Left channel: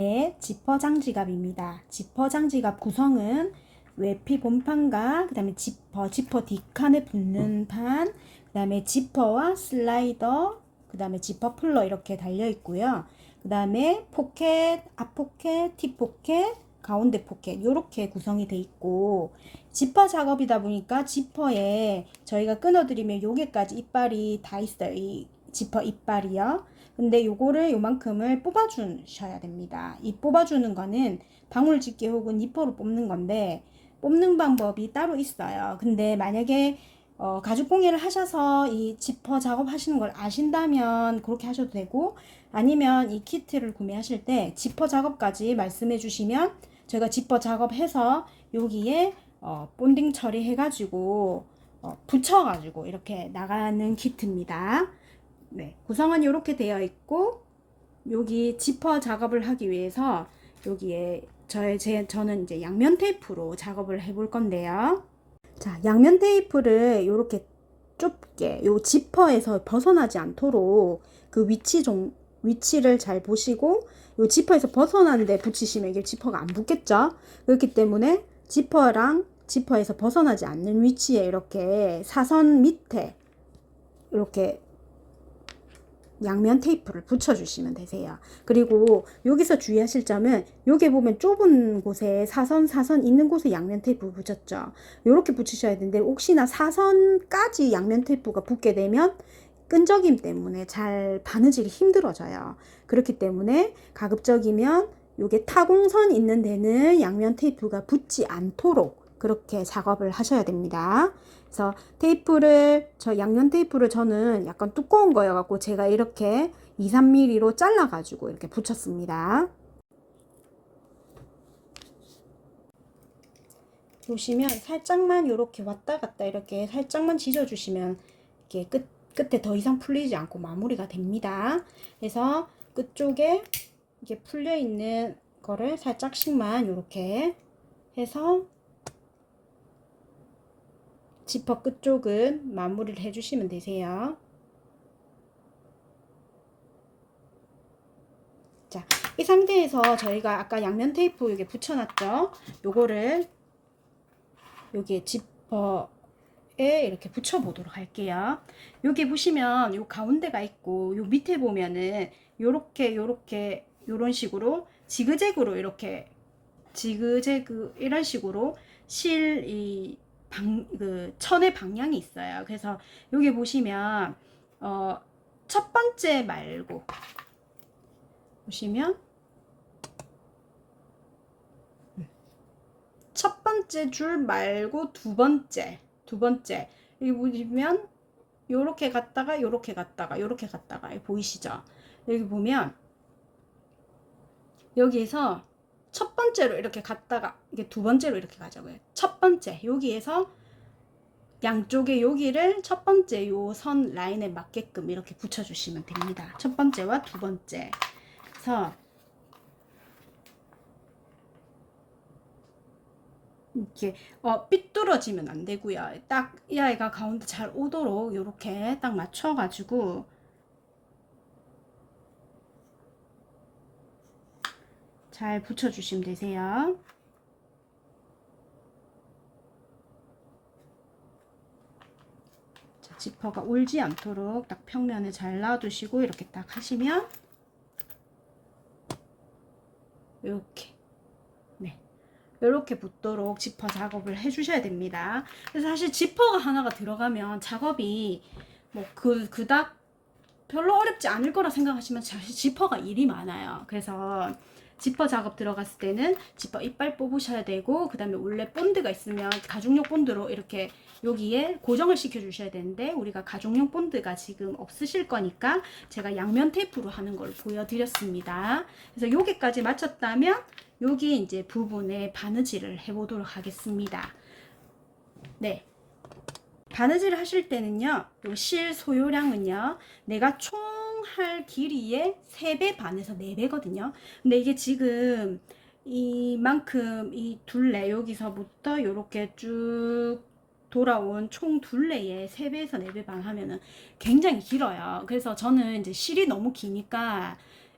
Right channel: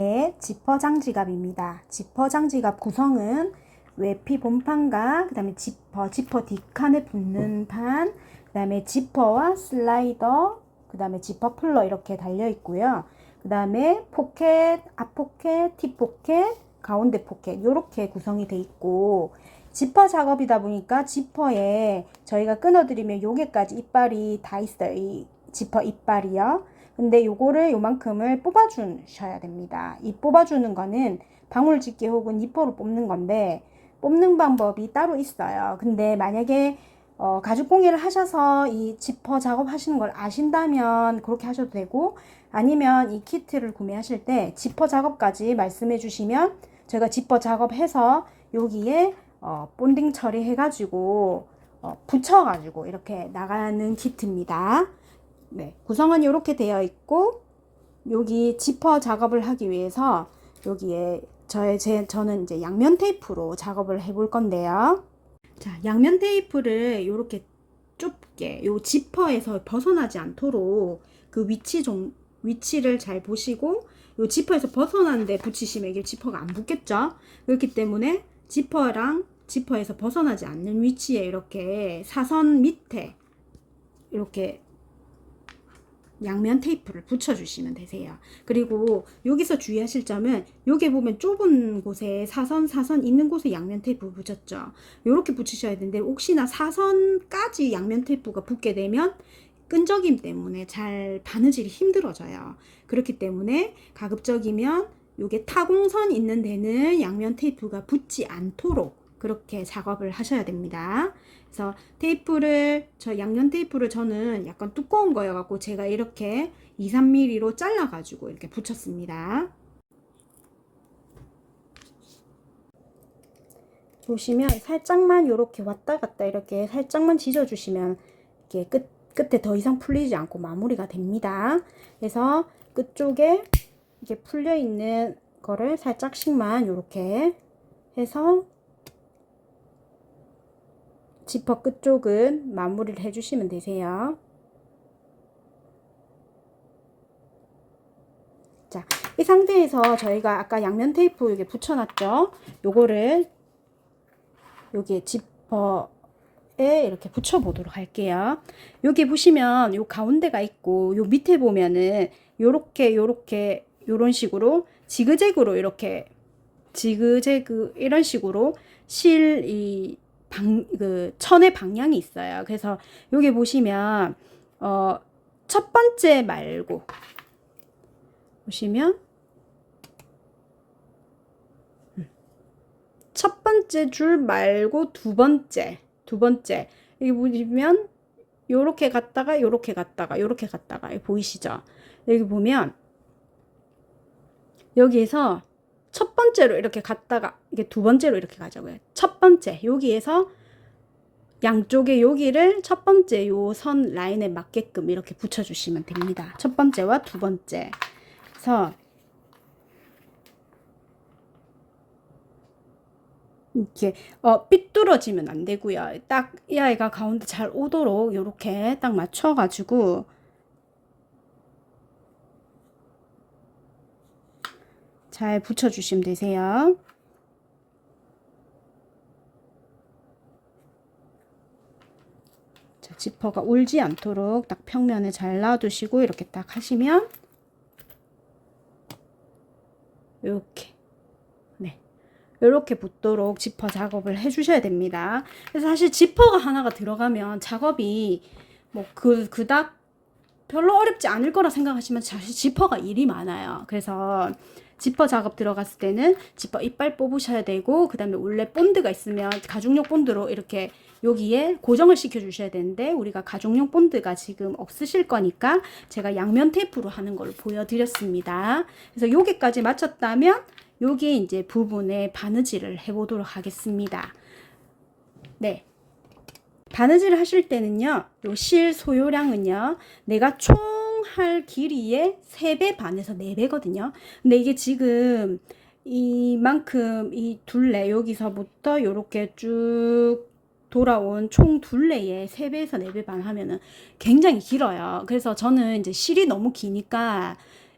네, 지퍼 장지갑입니다. 지퍼 장지갑 구성은 외피 본판과 그 다음에 지퍼 뒷칸에 붙는 판, 그 다음에 지퍼와 슬라이더, 그 다음에 지퍼 풀러 이렇게 달려 있고요. 그 다음에 포켓, 앞포켓, 뒷포켓, 가운데 포켓 이렇게 구성이 돼 있고, 지퍼 작업이다 보니까 지퍼에 저희가 끊어드리면 요게까지 이빨이 다 있어요. 이 지퍼 이빨이요. 근데 요거를 요만큼을 뽑아 주셔야 됩니다. 이 뽑아주는 거는 방울집게 혹은 니퍼로 뽑는 건데, 뽑는 방법이 따로 있어요. 근데 만약에 가죽 공예를 하셔서 이 지퍼 작업 하시는 걸 아신다면 그렇게 하셔도 되고, 아니면 이 키트를 구매하실 때 지퍼 작업까지 말씀해 주시면 저희가 지퍼 작업해서 여기에 본딩 처리해 가지고 붙여 가지고 이렇게 나가는 키트입니다. 네, 구성은 이렇게 되어 있고, 여기 지퍼 작업을 하기 위해서 여기에 저는 이제 양면 테이프로 작업을 해 볼 건데요. 자, 양면 테이프를 이렇게 좁게 요 지퍼에서 벗어나지 않도록 그 위치를 잘 보시고, 요 지퍼에서 벗어나는데 붙이시면 이게 지퍼가 안 붙겠죠. 그렇기 때문에 지퍼에서 벗어나지 않는 위치에 이렇게 사선 밑에 이렇게 양면 테이프를 붙여주시면 되세요. 그리고 여기서 주의하실 점은, 여기 보면 좁은 곳에 사선 있는 곳에 양면 테이프 붙였죠. 이렇게 붙이셔야 되는데, 혹시나 사선까지 양면 테이프가 붙게 되면 끈적임 때문에 잘 바느질이 힘들어져요. 그렇기 때문에 가급적이면 요게 타공선 있는 데는 양면 테이프가 붙지 않도록 그렇게 작업을 하셔야 됩니다. 그래서 양면 테이프를 저는 약간 두꺼운 거여갖고 제가 이렇게 2~3mm로 잘라가지고 이렇게 붙였습니다. 보시면 살짝만 이렇게 왔다 갔다 이렇게 살짝만 지져주시면 이게 끝에 더 이상 풀리지 않고 마무리가 됩니다. 그래서 끝쪽에 이게 풀려 있는 거를 살짝씩만 이렇게 해서 지퍼 끝쪽은 마무리를 해주시면 되세요. 자, 이 상태에서 저희가 아까 양면 테이프 이게 붙여놨죠? 요거를 여기 지퍼에 이렇게 붙여보도록 할게요. 여기 보시면 요 가운데가 있고, 요 밑에 보면은 요렇게 요런 식으로 지그재그로 이렇게 이런 식으로 천의 방향이 있어요. 그래서 여기 보시면 첫 번째 말고 보시면 첫 번째 줄 말고 두 번째 여기 보시면 요렇게 갔다가 요렇게 갔다가 요렇게 갔다가 보이시죠? 여기 보면 여기에서 첫 번째로 이렇게 갔다가 이게 두 번째로 이렇게 가자고요. 첫 번째 여기에서 양쪽에 여기를 첫 번째 요 선 라인에 맞게끔 이렇게 붙여주시면 됩니다. 첫 번째와 두 번째. 그래서 이렇게 삐뚤어지면 안 되고요. 딱 이 아이가 가운데 잘 오도록 이렇게 딱 맞춰가지고 잘 붙여주시면 되세요. 자, 지퍼가 울지 않도록 딱 평면에 잘 놔두시고 이렇게 딱 하시면 이렇게 이렇게 붙도록 지퍼 작업을 해주셔야 됩니다. 그래서 사실 지퍼가 하나가 들어가면 작업이 뭐 그닥 별로 어렵지 않을 거라 생각하시면 사실 지퍼가 일이 많아요. 그래서 지퍼 작업 들어갔을 때는 지퍼 이빨 뽑으셔야 되고, 그 다음에 원래 본드가 있으면 가죽용 본드로 이렇게 여기에 고정을 시켜 주셔야 되는데, 우리가 가죽용 본드가 지금 없으실 거니까 제가 양면 테이프로 하는 걸 보여드렸습니다. 그래서 여기까지 마쳤다면 여기 이제 부분에 바느질을 해보도록 하겠습니다. 네. 바느질 하실 때는요, 요 실 소요량은요, 내가 총 할 길이의 3배 반에서 4배거든요. 근데 이게 지금 이만큼 이 둘레, 여기서부터 요렇게 쭉 돌아온 총 둘레에 3배에서 4배 반 하면은 굉장히 길어요. 그래서 저는 이제 실이 너무 기니까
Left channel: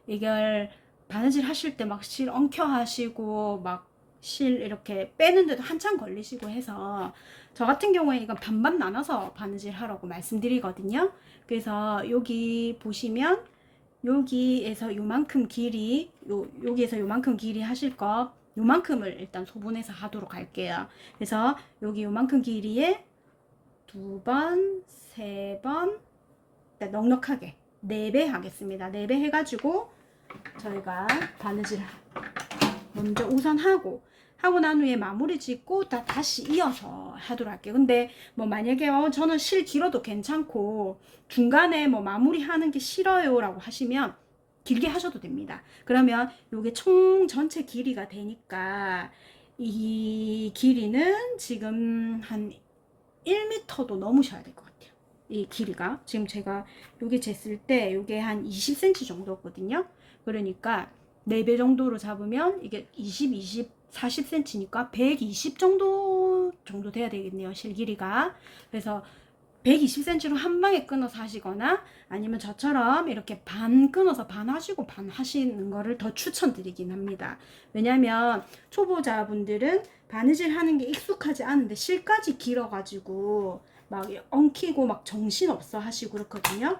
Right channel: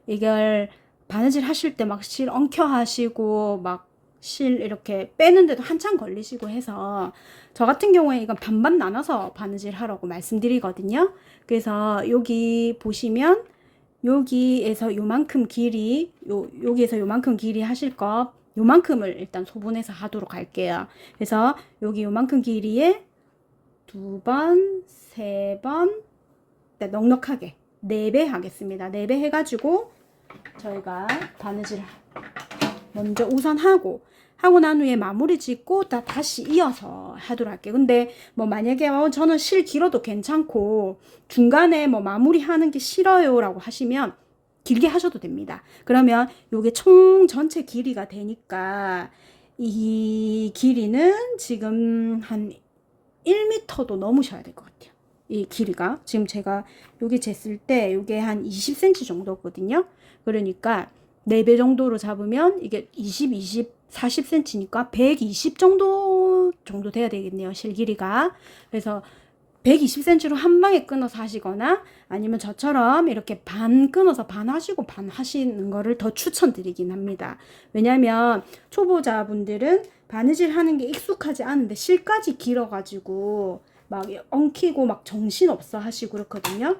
이걸 바느질 하실 때 막 실 엉켜 하시고 막 실 이렇게 빼는데도 한참 걸리시고 해서 저 같은 경우에 이건 반반 나눠서 바느질 하라고 말씀드리거든요. 그래서 여기 보시면 여기에서 요만큼 길이 여기에서 요만큼 길이 하실 거 요만큼을 일단 소분해서 하도록 할게요. 그래서 여기 요만큼 길이에 2번, 3번, 넉넉하게 4배 하겠습니다. 4배 해가지고 저희가 바느질 먼저 우선 하고 난 후에 마무리 짓고 다시 이어서 하도록 할게요. 근데 뭐 만약에 저는 실 길어도 괜찮고 중간에 뭐 마무리 하는 게 싫어요 라고 하시면 길게 하셔도 됩니다. 그러면 요게 총 전체 길이가 되니까 이 길이는 지금 한 1m도 넘으셔야 될 것 같아요. 이 길이가 지금 제가 여기 쟀을 때 요게 한 20cm 정도거든요. 그러니까 4배 정도로 잡으면 이게 20, 40cm니까 120 정도 돼야 되겠네요. 실 길이가. 그래서 120cm로 한 방에 끊어서 하시거나 아니면 저처럼 이렇게 반 끊어서 반 하시고 반 하시는 거를 더 추천드리긴 합니다. 왜냐면 초보자분들은 바느질 하는 게 익숙하지 않은데 실까지 길어가지고 막 엉키고 막 정신없어 하시고 그렇거든요.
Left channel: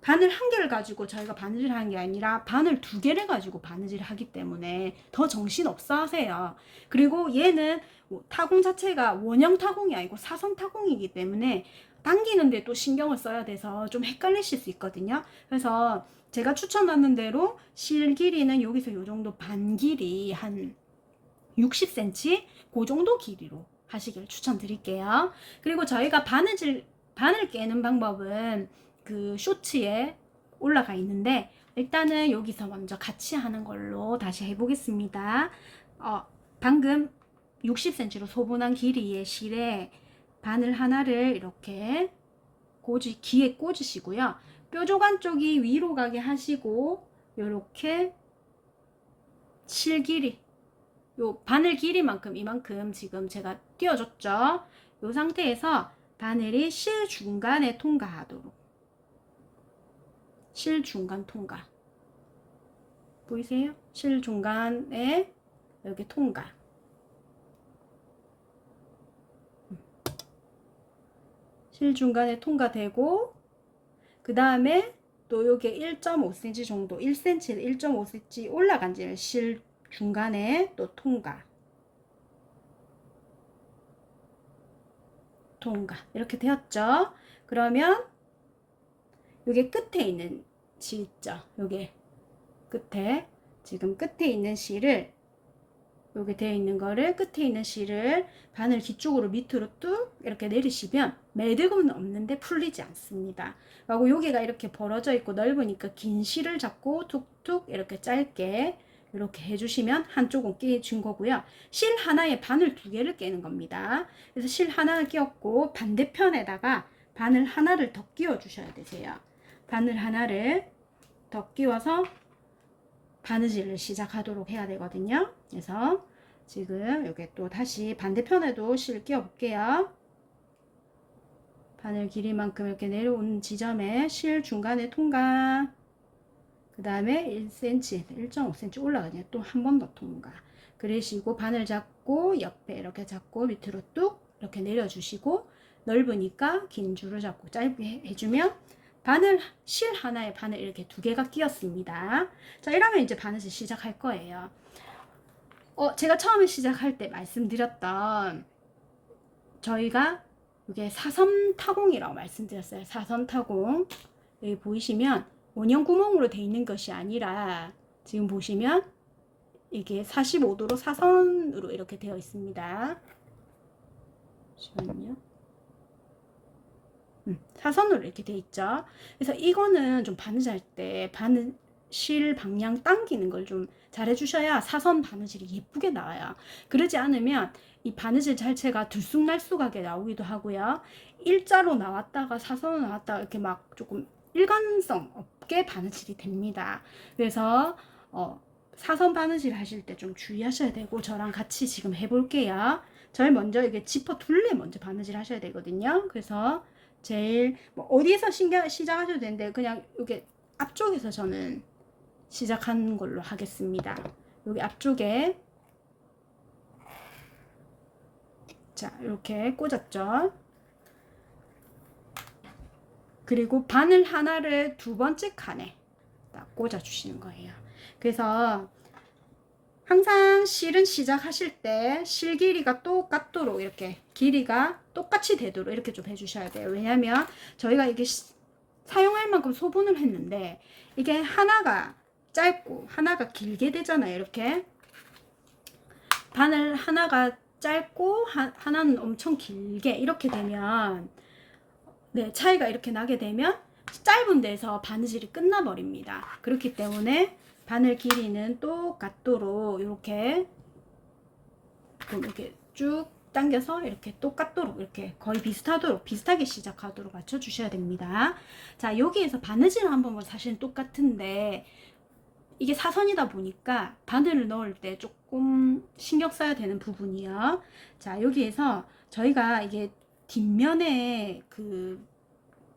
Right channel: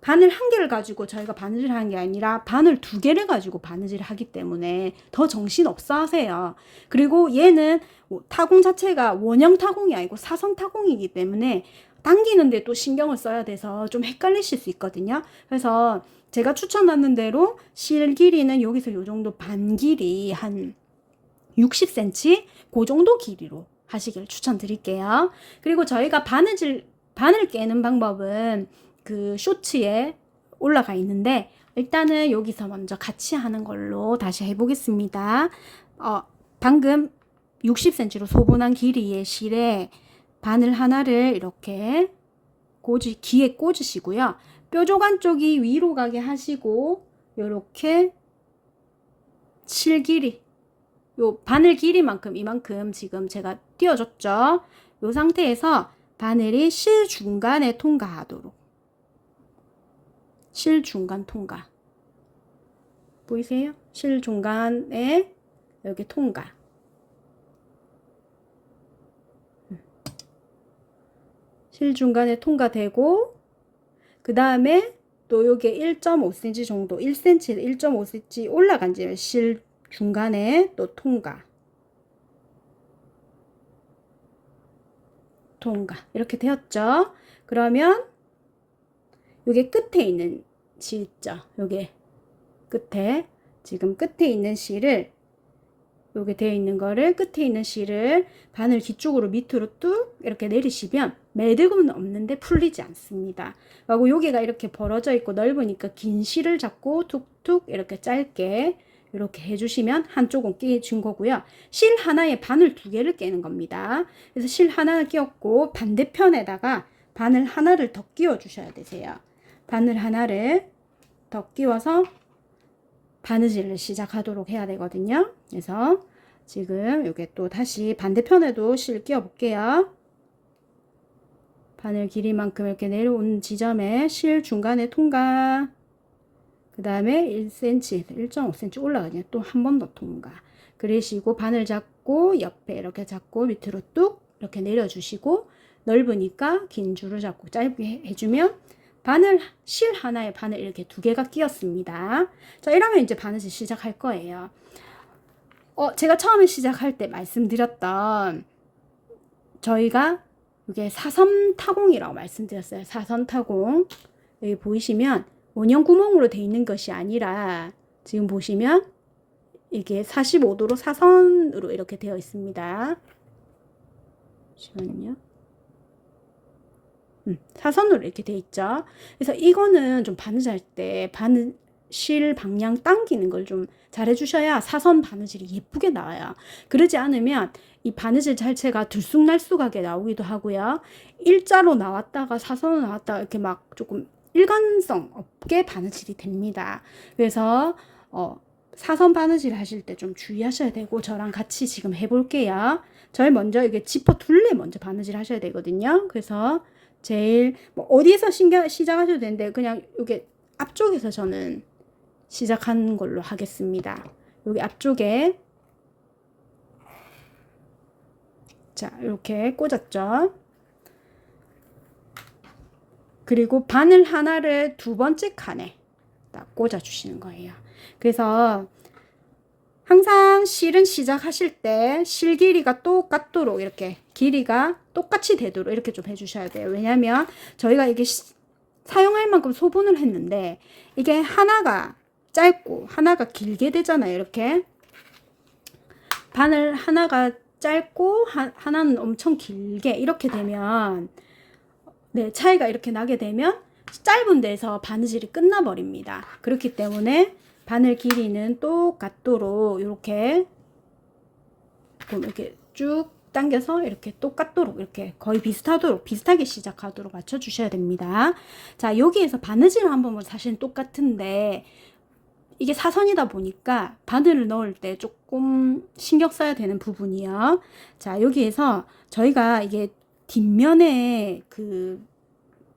바늘 한 개를 가지고 저희가 바느질 하는 게 아니라 바늘 2개를 가지고 바느질을 하기 때문에 더 정신없어 하세요. 그리고 얘는 타공 자체가 원형 타공이 아니고 사선 타공이기 때문에 당기는데 또 신경을 써야 돼서 좀 헷갈리실 수 있거든요. 그래서 제가 추천하는 대로 실 길이는 여기서 요 정도 반 길이 한 60cm 그 정도 길이로 하시길 추천드릴게요. 그리고 저희가 바늘 깨는 방법은 그 쇼츠에 올라가 있는데 일단은 여기서 먼저 같이 하는 걸로 다시 해보겠습니다. 방금 60cm로 소분한 길이의 실에 바늘 하나를 이렇게 귀에 꽂으시고요. 뾰족한 쪽이 위로 가게 하시고 이렇게 실 길이 요 바늘 길이만큼 이만큼 지금 제가 띄워줬죠. 요 상태에서 바늘이 실 중간에 통과하도록 실 중간 통과 보이세요? 실 중간에 여기 통과 실 중간에 통과되고 그 다음에 또 요게 1.5cm 정도 1cm 1.5cm 올라간 지를 실 중간에 또 통과 이렇게 되었죠. 그러면 요게 끝에 있는 실 있죠. 요게 끝에 지금 끝에 있는 실을 요게 되어 있는 거를 끝에 있는 실을 바늘 뒤쪽으로 밑으로 뚝 이렇게 내리시면 매듭은 없는데 풀리지 않습니다. 그리고 여기가 이렇게 벌어져 있고 넓으니까 긴 실을 잡고 툭툭 이렇게 짧게 이렇게 해주시면 한쪽은 끼워준 거고요. 실 하나에 바늘 2개를 깨는 겁니다. 그래서 실 하나를 끼웠고 반대편에다가 바늘 하나를 더 끼워 주셔야 되세요. 바늘 하나를 더 끼워서 바느질을 시작하도록 해야 되거든요. 그래서 지금 이게 또 다시 반대편에도 실 끼워 볼게요. 바늘 길이만큼 이렇게 내려온 지점에 실 중간에 통과 그 다음에 1cm 1.5cm 올라가냐 또 한 번 더 통과 그러시고 바늘 잡고 옆에 이렇게 잡고 밑으로 뚝 이렇게 내려주시고 넓으니까 긴 줄을 잡고 짧게 해주면 바늘 실 하나에 바늘 이렇게 2개가 끼었습니다. 자 이러면 이제 바느질 시작할 거예요. 제가 처음에 시작할 때 말씀드렸던 저희가 이게 사선 타공이라고 말씀드렸어요. 사선 타공 여기 보이시면 원형 구멍으로 되어 있는 것이 아니라 지금 보시면 이게 45도로 사선으로 이렇게 되어 있습니다. 잠시만요. 사선으로 이렇게 되어 있죠. 그래서 이거는 좀 바느질 할 때 바느실 방향 당기는 걸 좀 잘 해주셔야 사선 바느질이 예쁘게 나와요. 그러지 않으면 이 바느질 자체가 들쑥날쑥하게 나오기도 하고요. 일자로 나왔다가 사선으로 나왔다가 이렇게 막 조금 일관성 없게 바느질이 됩니다. 그래서 사선 바느질 하실 때 좀 주의하셔야 되고 저랑 같이 지금 해볼게요. 저희 먼저 이게 지퍼 둘레 먼저 바느질 하셔야 되거든요. 그래서 제일 뭐 어디에서 시작하셔도 되는데 그냥 이게 앞쪽에서 저는 시작하는 걸로 하겠습니다. 여기 앞쪽에 자 이렇게 꽂았죠. 그리고 바늘 하나를 두 번째 칸에 딱 꽂아 주시는 거예요. 그래서 항상 실은 시작하실 때 실 길이가 똑같도록 이렇게 길이가 똑같이 되도록 이렇게 좀 해주셔야 돼요. 왜냐면 저희가 이게 사용할 만큼 소분을 했는데 이게 하나가 짧고 하나가 길게 되잖아요. 이렇게 바늘 하나가 짧고 하나는 엄청 길게 이렇게 되면 네, 차이가 이렇게 나게 되면 짧은 데서 바느질이 끝나버립니다. 그렇기 때문에 바늘 길이는 똑같도록 이렇게 쭉 당겨서 이렇게 똑같도록 이렇게 거의 비슷하게 시작하도록 맞춰 주셔야 됩니다. 자, 여기에서 바느질 한 번은 사실 똑같은데 이게 사선이다 보니까 바늘을 넣을 때 조금 신경 써야 되는 부분이요. 자, 여기에서 저희가 이게 뒷면에 그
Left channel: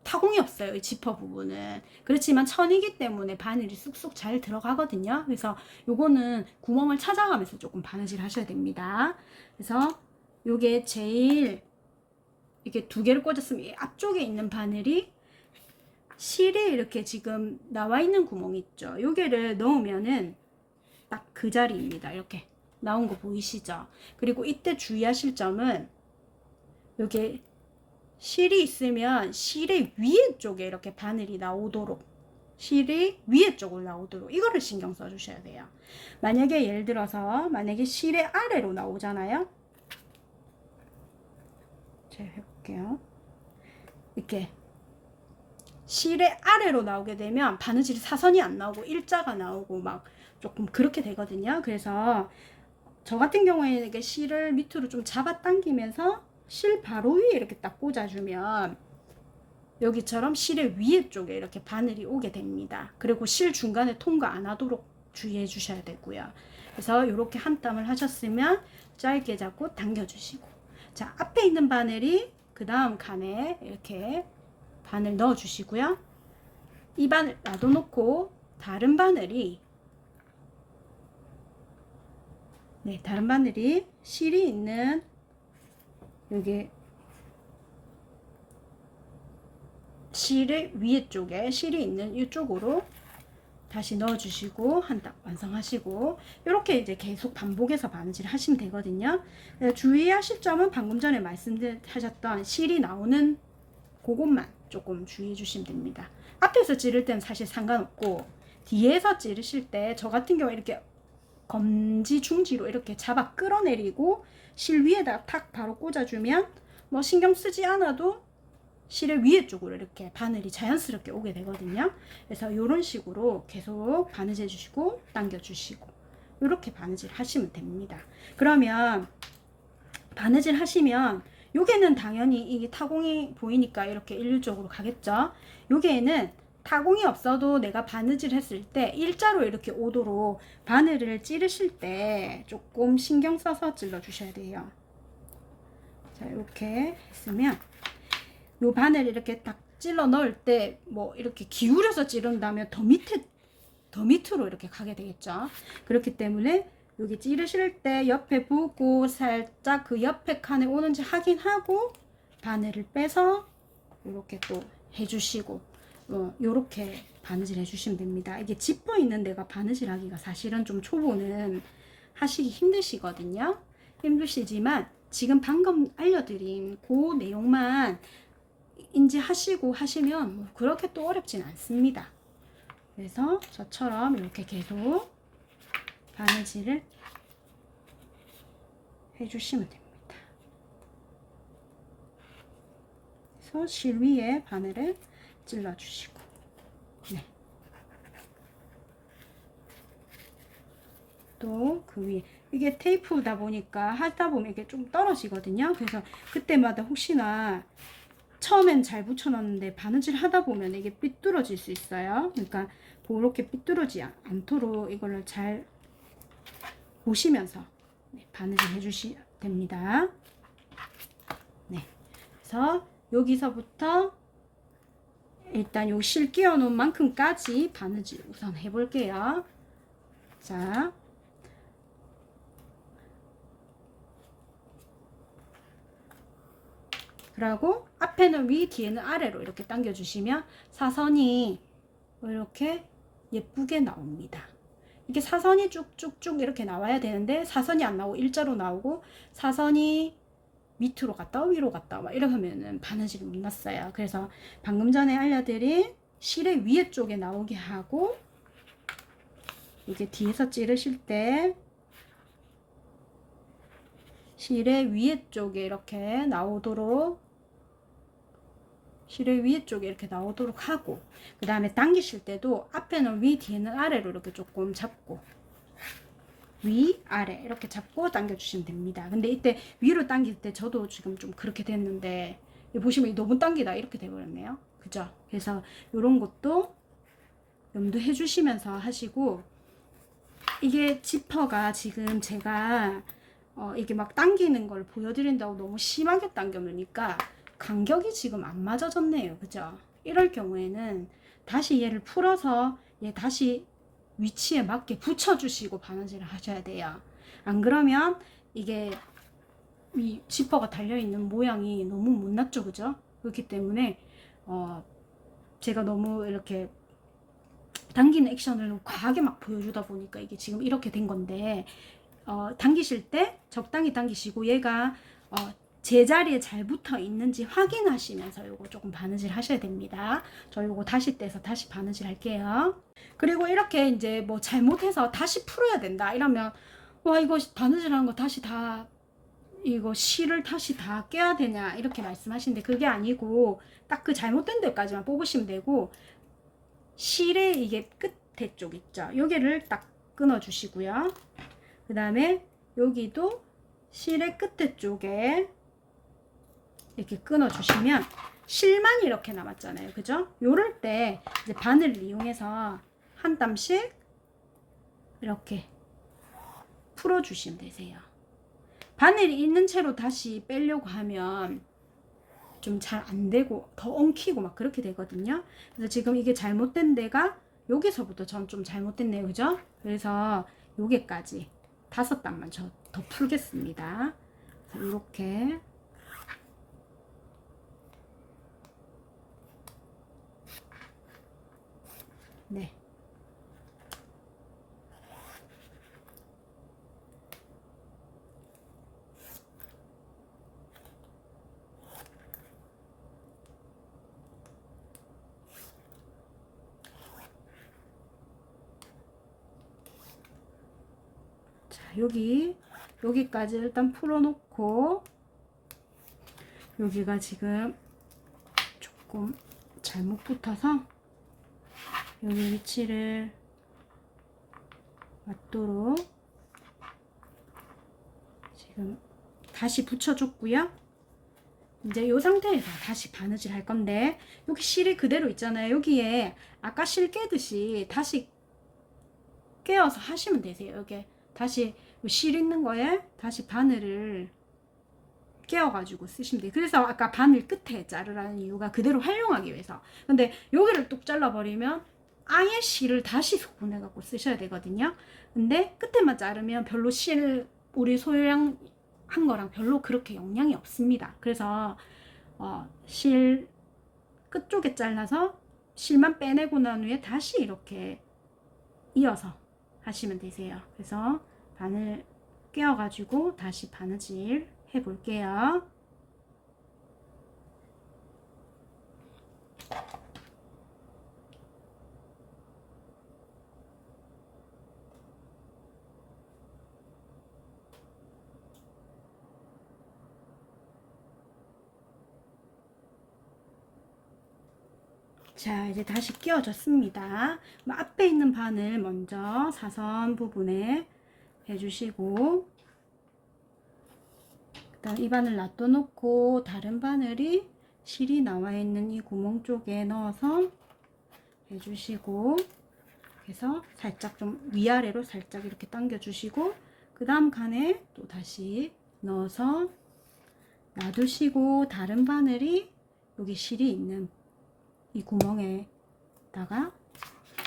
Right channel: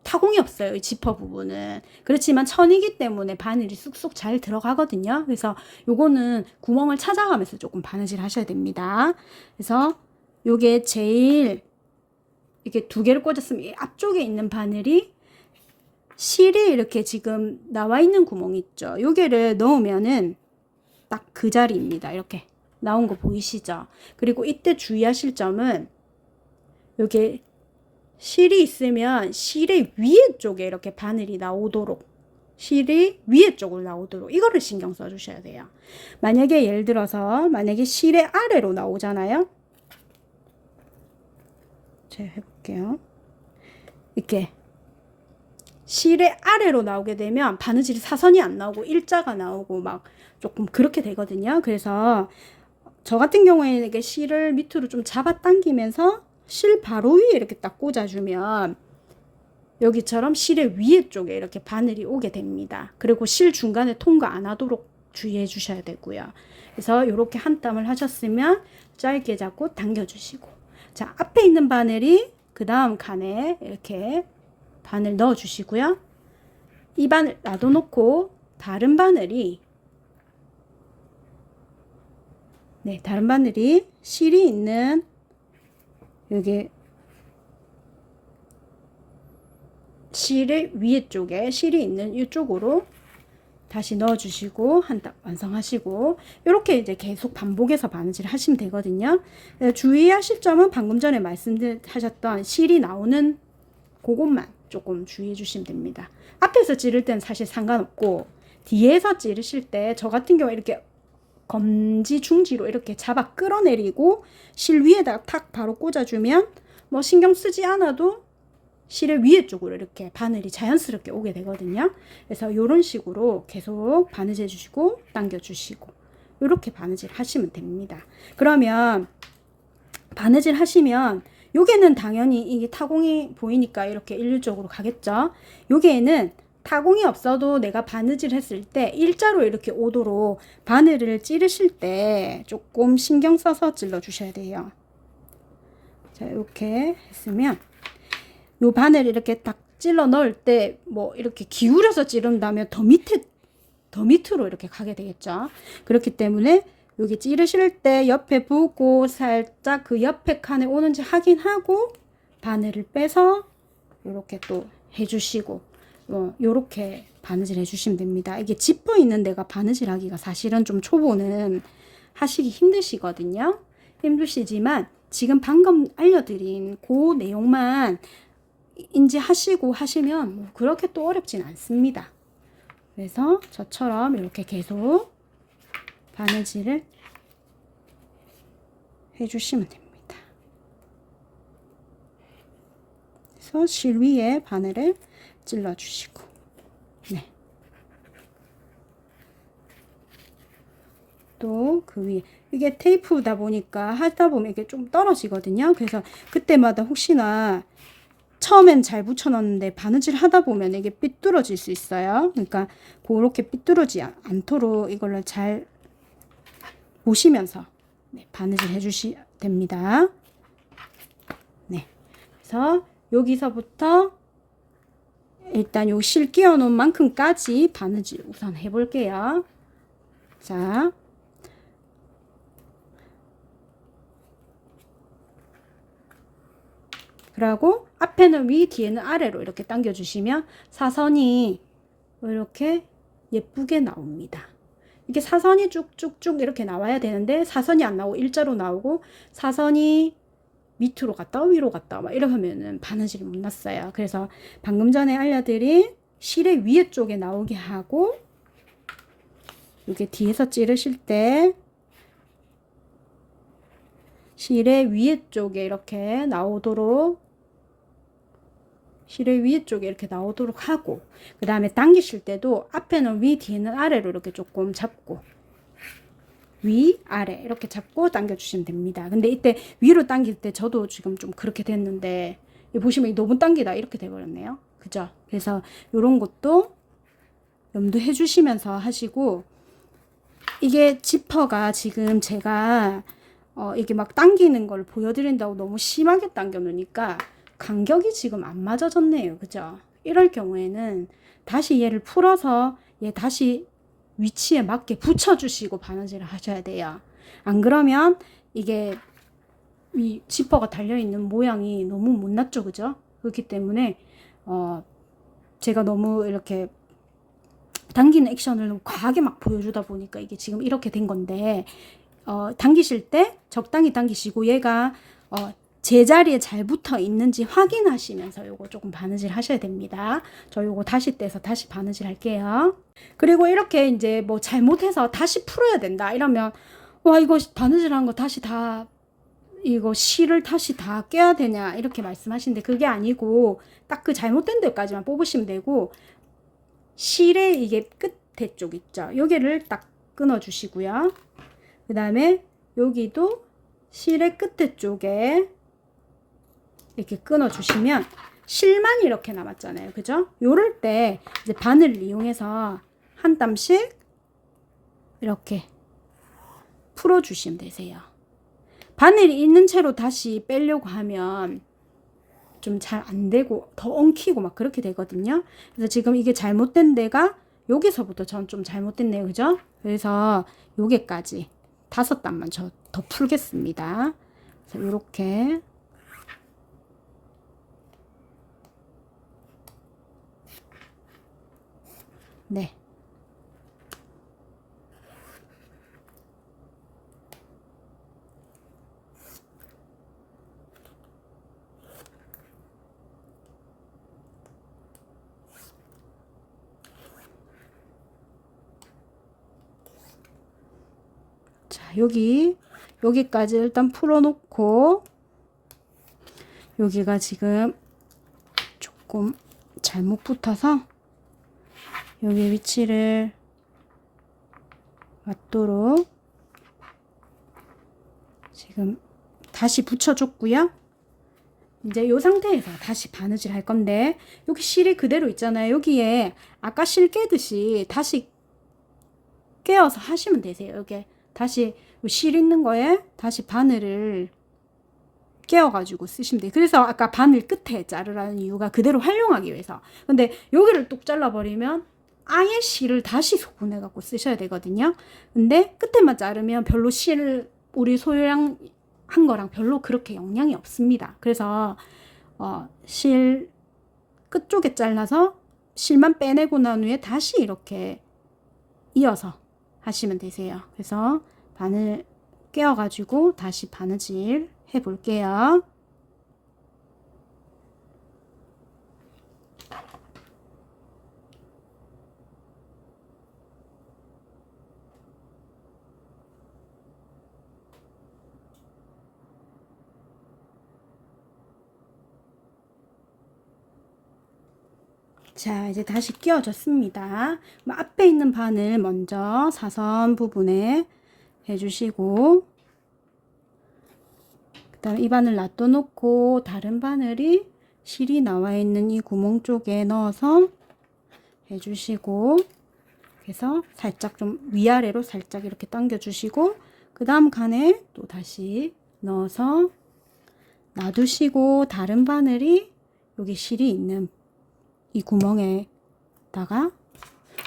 타공이 없어요. 이 지퍼 부분은. 그렇지만 천이기 때문에 바늘이 쑥쑥 잘 들어가거든요. 그래서 요거는 구멍을 찾아가면서 조금 바느질 하셔야 됩니다. 그래서 요게 제일 이렇게 두 개를 꽂았으면 이 앞쪽에 있는 바늘이 실이 이렇게 지금 나와 있는 구멍이 있죠. 요게를 넣으면은 딱 그 자리입니다. 이렇게 나온 거 보이시죠? 그리고 이때 주의하실 점은 요게 실이 있으면 실의 위에 쪽에 이렇게 바늘이 나오도록 실이 위에 쪽으로 나오도록 이거를 신경 써 주셔야 돼요. 만약에 예를 들어서 만약에 실의 아래로 나오잖아요. 제가 해볼게요. 이렇게 실의 아래로 나오게 되면 바느질이 사선이 안 나오고 일자가 나오고 막 조금 그렇게 되거든요. 그래서 저 같은 경우에는 이게 실을 밑으로 좀 잡아 당기면서 실 바로 위에 이렇게 딱 꽂아주면 여기처럼 실의 위에 쪽에 이렇게 바늘이 오게 됩니다. 그리고 실 중간에 통과 안 하도록 주의해 주셔야 되고요. 그래서 이렇게 한 땀을 하셨으면 짧게 잡고 당겨주시고, 자, 앞에 있는 바늘이 그 다음 칸에 이렇게 바늘 넣어 주시고요. 이 바늘 놔둬놓고 다른 바늘이 다른 바늘이 실이 있는 여기 실의 위에 쪽에 실이 있는 이쪽으로 다시 넣어 주시고 한 땀 완성하시고, 이렇게 이제 계속 반복해서 바느질 하시면 되거든요. 주의하실 점은 방금 전에 말씀하셨던 실이 나오는 그것만 조금 주의해 주시면 됩니다. 앞에서 찌를 때는 사실 상관없고 뒤에서 찌르실 때 저 같은 경우 이렇게 검지 중지로 이렇게 잡아 끌어내리고 실 위에다 탁 바로 꽂아주면 뭐 신경 쓰지 않아도 실의 위에 쪽으로 이렇게 바늘이 자연스럽게 오게 되거든요. 그래서 이런 식으로 계속 바느질 해주시고 당겨주시고 이렇게 바느질 하시면 됩니다. 그러면 바느질 하시면 요게는 당연히 이게 타공이 보이니까 이렇게 일률적으로 가겠죠. 요게는 타공이 없어도 내가 바느질 했을 때 일자로 이렇게 오도록 바늘을 찌르실 때 조금 신경 써서 찔러 주셔야 돼요. 자, 이렇게 했으면 요 바늘 이렇게 딱 찔러 넣을 때 뭐 이렇게 기울여서 찌른다면 더 밑으로 이렇게 가게 되겠죠. 그렇기 때문에 여기 찌르실 때 옆에 보고 살짝 그 옆에 칸에 오는지 확인하고 바늘을 빼서 이렇게 또 해주시고 요렇게 바느질 해주시면 됩니다. 이게 지퍼 있는 데가 바느질 하기가 사실은 좀 초보는 하시기 힘드시거든요. 힘드시지만 지금 방금 알려드린 그 내용만 인지하시고 하시면 뭐 그렇게 또 어렵진 않습니다. 그래서 저처럼 이렇게 계속 바느질을 해주시면 됩니다. 그래서 실 위에 바늘을 찔러주시고, 또 그 위에 이게 테이프다 보니까 하다 보면 이게 좀 떨어지거든요. 그래서 그때마다 혹시나 처음엔 잘 붙여놨는데 바느질 하다 보면 이게 삐뚤어질 수 있어요. 그러니까 그렇게 삐뚤어지지 않도록 이걸로 잘 보시면서 바느질 해주시면 됩니다. 그래서 여기서부터 일단 요 실 끼워 놓은 만큼까지 바느질 우선 해 볼게요. 자, 그리고 앞에는 위, 뒤에는 아래로 이렇게 당겨 주시면 사선이 이렇게 예쁘게 나옵니다. 이게 사선이 쭉쭉쭉 이렇게 나와야 되는데 사선이 안 나오고 일자로 나오고 사선이 밑으로 갔다 위로 갔다 막 이렇게 하면은 바느질이 못 났어요. 그래서 방금 전에 알려드린 실의 위에 쪽에 나오게 하고, 이게 뒤에서 찌르실 때 실의 위에 쪽에 이렇게 나오도록, 실의 위에 쪽에 이렇게 나오도록 하고, 그 다음에 당기실 때도 앞에는 위, 뒤에는 아래로 이렇게 조금 잡고, 위, 아래 이렇게 잡고 당겨주시면 됩니다. 근데 이때 위로 당길 때 저도 지금 좀 그렇게 됐는데, 보시면 너무 당기다 이렇게 돼버렸네요. 그죠? 그래서 이런 것도 염두해 주시면서 하시고, 이게 지퍼가 지금 제가 이게 막 당기는 걸 보여드린다고 너무 심하게 당겨 놓으니까 간격이 지금 안 맞아졌네요. 그죠? 이럴 경우에는 다시 얘를 풀어서 얘 다시 위치에 맞게 붙여주시고 바느질을 하셔야 돼요. 안 그러면 이게 이 지퍼가 달려있는 모양이 너무 못났죠. 그죠? 그렇기 때문에 제가 너무 이렇게 당기는 액션을 너무 과하게 막 보여주다 보니까 이게 지금 이렇게 된 건데, 당기실 때 적당히 당기시고 얘가 제자리에 잘 붙어 있는지 확인하시면서 요거 조금 바느질 하셔야 됩니다. 저 요거 다시 떼서 다시 바느질 할게요. 그리고 이렇게 이제 뭐 잘못해서 다시 풀어야 된다 이러면, 와 이거 바느질한 거 다시 다, 이거 실을 다시 다 껴야 되냐 이렇게 말씀하시는데, 그게 아니고 딱 그 잘못된 데까지만 뽑으시면 되고, 실의 이게 끝에 쪽 있죠, 여기를 딱 끊어 주시고요. 그 다음에 여기도 실의 끝에 쪽에 이렇게 끊어 주시면 실만 이렇게 남았잖아요. 그죠? 요럴 때 이제 바늘을 이용해서 한 땀씩 이렇게 풀어 주시면 되세요. 바늘이 있는 채로 다시 빼려고 하면 좀 잘 안 되고 더 엉키고 막 그렇게 되거든요. 그래서 지금 이게 잘못된 데가 여기서부터 전 좀 잘못됐네요. 그죠? 그래서 여기까지 5단만 저 더 풀겠습니다. 그래서 이렇게 네. 자, 여기까지 일단 풀어 놓고, 여기가 지금 조금 잘못 붙어서 여기 위치를 맞도록 지금 다시 붙여줬고요. 이제 이 상태에서 다시 바느질 할 건데, 여기 실이 그대로 있잖아요. 여기에 아까 실 깨듯이 다시 깨어서 하시면 되세요. 여기 다시 실 있는 거에 다시 바늘을 깨어가지고 쓰시면 돼요. 그래서 아까 바늘 끝에 자르라는 이유가 그대로 활용하기 위해서. 근데 여기를 뚝 잘라버리면 아예 실을 다시 소분해 갖고 쓰셔야 되거든요. 근데 끝에만 자르면 별로 실, 우리 소량 한 거랑 별로 그렇게 영향이 없습니다. 그래서 실 끝쪽에 잘라서 실만 빼내고 난 후에 다시 이렇게 이어서 하시면 되세요. 그래서 바늘 깨어가지고 다시 바느질 해 볼게요. 자, 이제 다시 끼워줬습니다. 앞에 있는 바늘 먼저 사선 부분에 해주시고, 그 다음 이 바늘 놔둬놓고 다른 바늘이 실이 나와 있는 이 구멍 쪽에 넣어서 해주시고, 그래서 살짝 좀 위아래로 살짝 이렇게 당겨주시고, 그 다음 칸에 또 다시 넣어서 놔두시고, 다른 바늘이 여기 실이 있는 이 구멍에다가,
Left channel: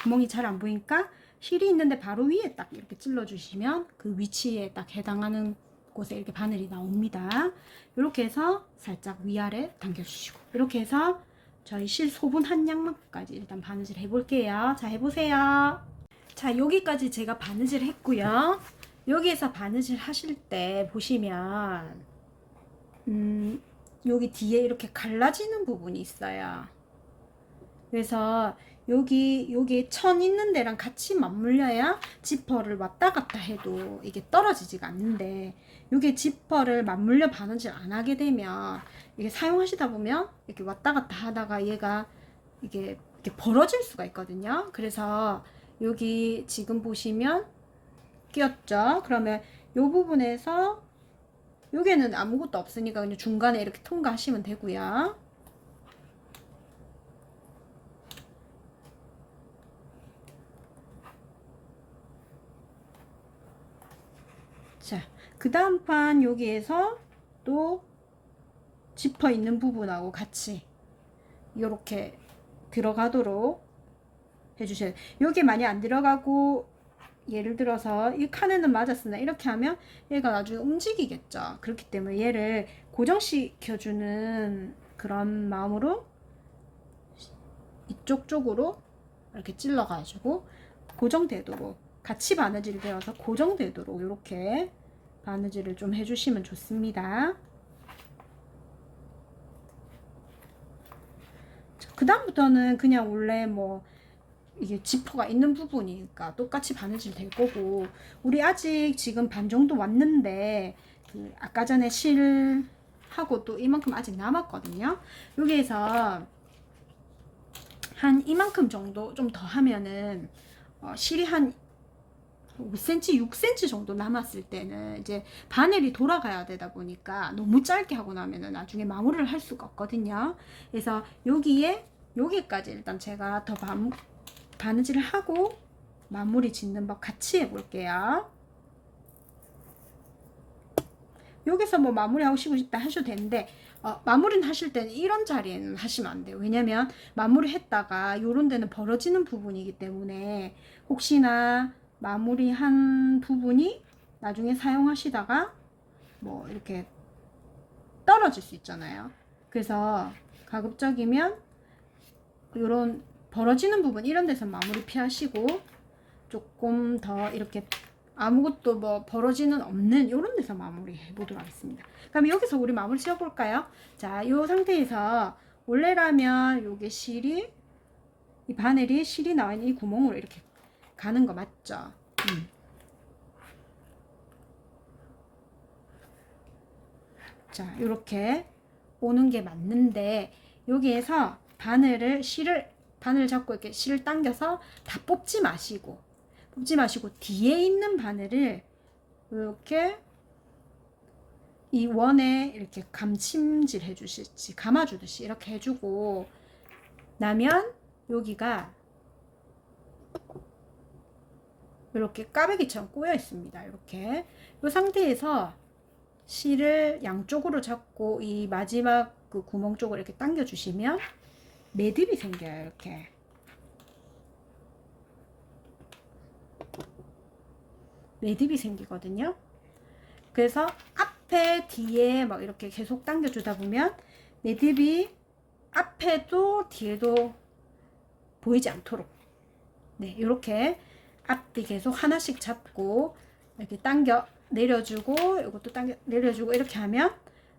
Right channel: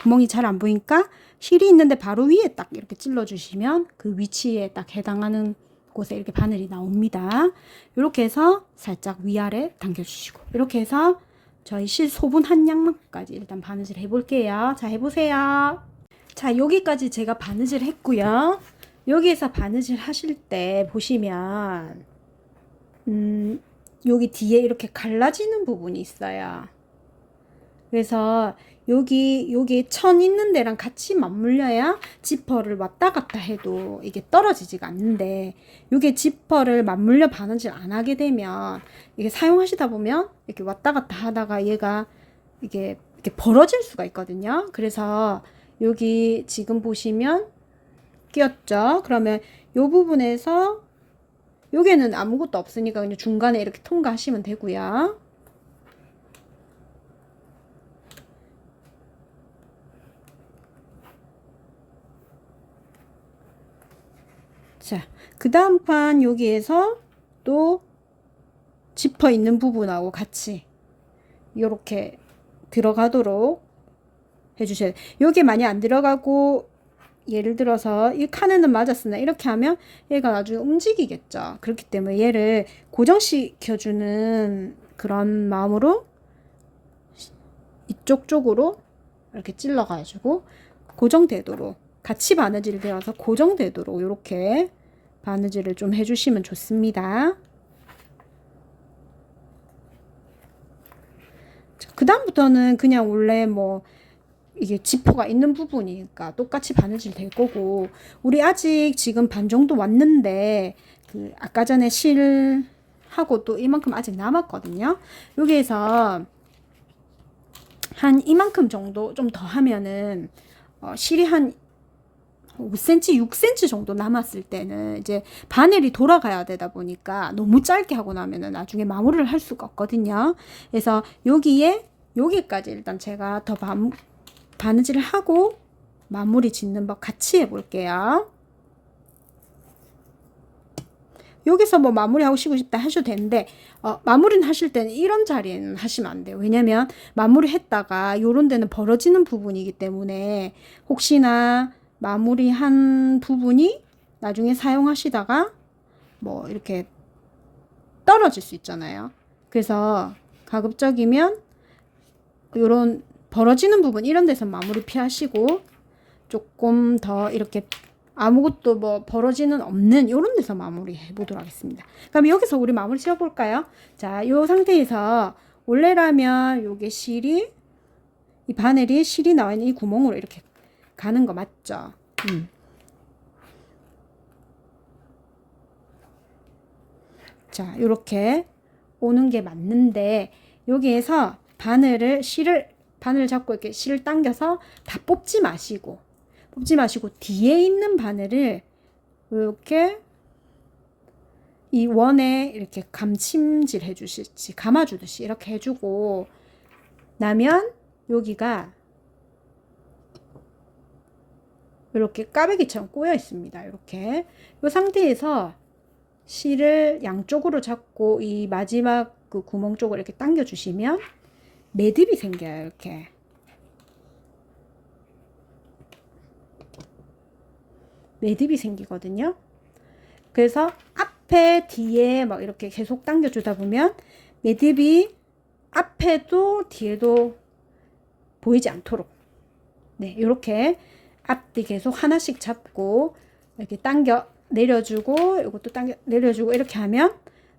구멍이 잘 안 보이니까 실이 있는데 바로 위에 딱 이렇게 찔러주시면 그 위치에 딱 해당하는 곳에 이렇게 바늘이 나옵니다. 이렇게 해서 살짝 위아래 당겨주시고, 이렇게 해서 저희 실 소분 한 양만까지 일단 바느질 해볼게요. 자, 해보세요. 자, 여기까지 제가 바느질 했고요. 여기에서 바느질 하실 때 보시면 여기 뒤에 이렇게 갈라지는 부분이 있어요. 그래서 여기 천 있는 데랑 같이 맞물려야 지퍼를 왔다 갔다 해도 이게 떨어지지가 않는데, 이게 지퍼를 맞물려 바느질 안 하게 되면 이게 사용하시다 보면 이렇게 왔다 갔다 하다가 얘가 이게 이렇게 벌어질 수가 있거든요. 그래서 여기 지금 보시면 끼었죠. 그러면 이 부분에서 여기는 아무것도 없으니까 그냥 중간에 이렇게 통과하시면 되고요. 자, 그 다음 판 여기에서 또 지퍼 있는 부분하고 같이 이렇게 들어가도록 해주셔야 돼요. 여기 많이 안 들어가고, 예를 들어서 이 칸에는 맞았으나 이렇게 하면 얘가 나중에 움직이겠죠. 그렇기 때문에 얘를 고정시켜주는 그런 마음으로 이쪽 쪽으로 이렇게 찔러가지고 고정되도록, 같이 바느질이 되어서 고정되도록 이렇게 바느질을 좀 해주시면 좋습니다. 그 다음부터는 그냥 원래 뭐 이게 지퍼가 있는 부분이니까 똑같이 바느질 될 거고, 우리 아직 지금 반 정도 왔는데 그 아까 전에 실하고 또 이만큼 아직 남았거든요. 여기에서 한 이만큼 정도 좀 더 하면은 실이 한 5cm, 6cm 정도 남았을 때는 이제 바늘이 돌아가야 되다 보니까 너무 짧게 하고 나면은 나중에 마무리를 할 수가 없거든요. 그래서 여기까지 일단 제가 더 바느질을 하고 마무리 짓는 법 같이 해볼게요. 여기서 뭐 마무리 하고 싶다 하셔도 되는데, 마무리는 하실 때는 이런 자리에는 하시면 안 돼요. 왜냐면 마무리 했다가 요런 데는 벌어지는 부분이기 때문에 혹시나 마무리한 부분이 나중에 사용하시다가 뭐 이렇게 떨어질 수 있잖아요. 그래서 가급적이면 요런 벌어지는 부분 이런 데서 마무리 피하시고, 조금 더 이렇게 아무것도 뭐 벌어지는 없는 이런 데서 마무리 해보도록 하겠습니다. 그럼 여기서 우리 마무리 지어볼까요? 자, 이 상태에서 원래라면 요게 실이, 이 바늘이 실이 나와 있는 이 구멍으로 이렇게 가는 거 맞죠? 자, 이렇게 오는 게 맞는데, 여기에서 바늘을 잡고 이렇게 실을 당겨서 다 뽑지 마시고 뒤에 있는 바늘을 이렇게 이 원에 이렇게 감침질 해주시지, 감아주듯이 이렇게 해주고 나면 여기가 이렇게 까베기처럼 꼬여 있습니다. 이렇게 이 상태에서 실을 양쪽으로 잡고 이 마지막 그 구멍 쪽으로 이렇게 당겨 주시면 매듭이 생겨요. 이렇게 매듭이 생기거든요. 그래서 앞에 뒤에 막 이렇게 계속 당겨 주다 보면 매듭이 앞에도 뒤에도 보이지 않도록, 네, 이렇게 앞뒤 계속 하나씩 잡고 이렇게 당겨 내려주고, 이것도 당겨 내려주고, 이렇게 하면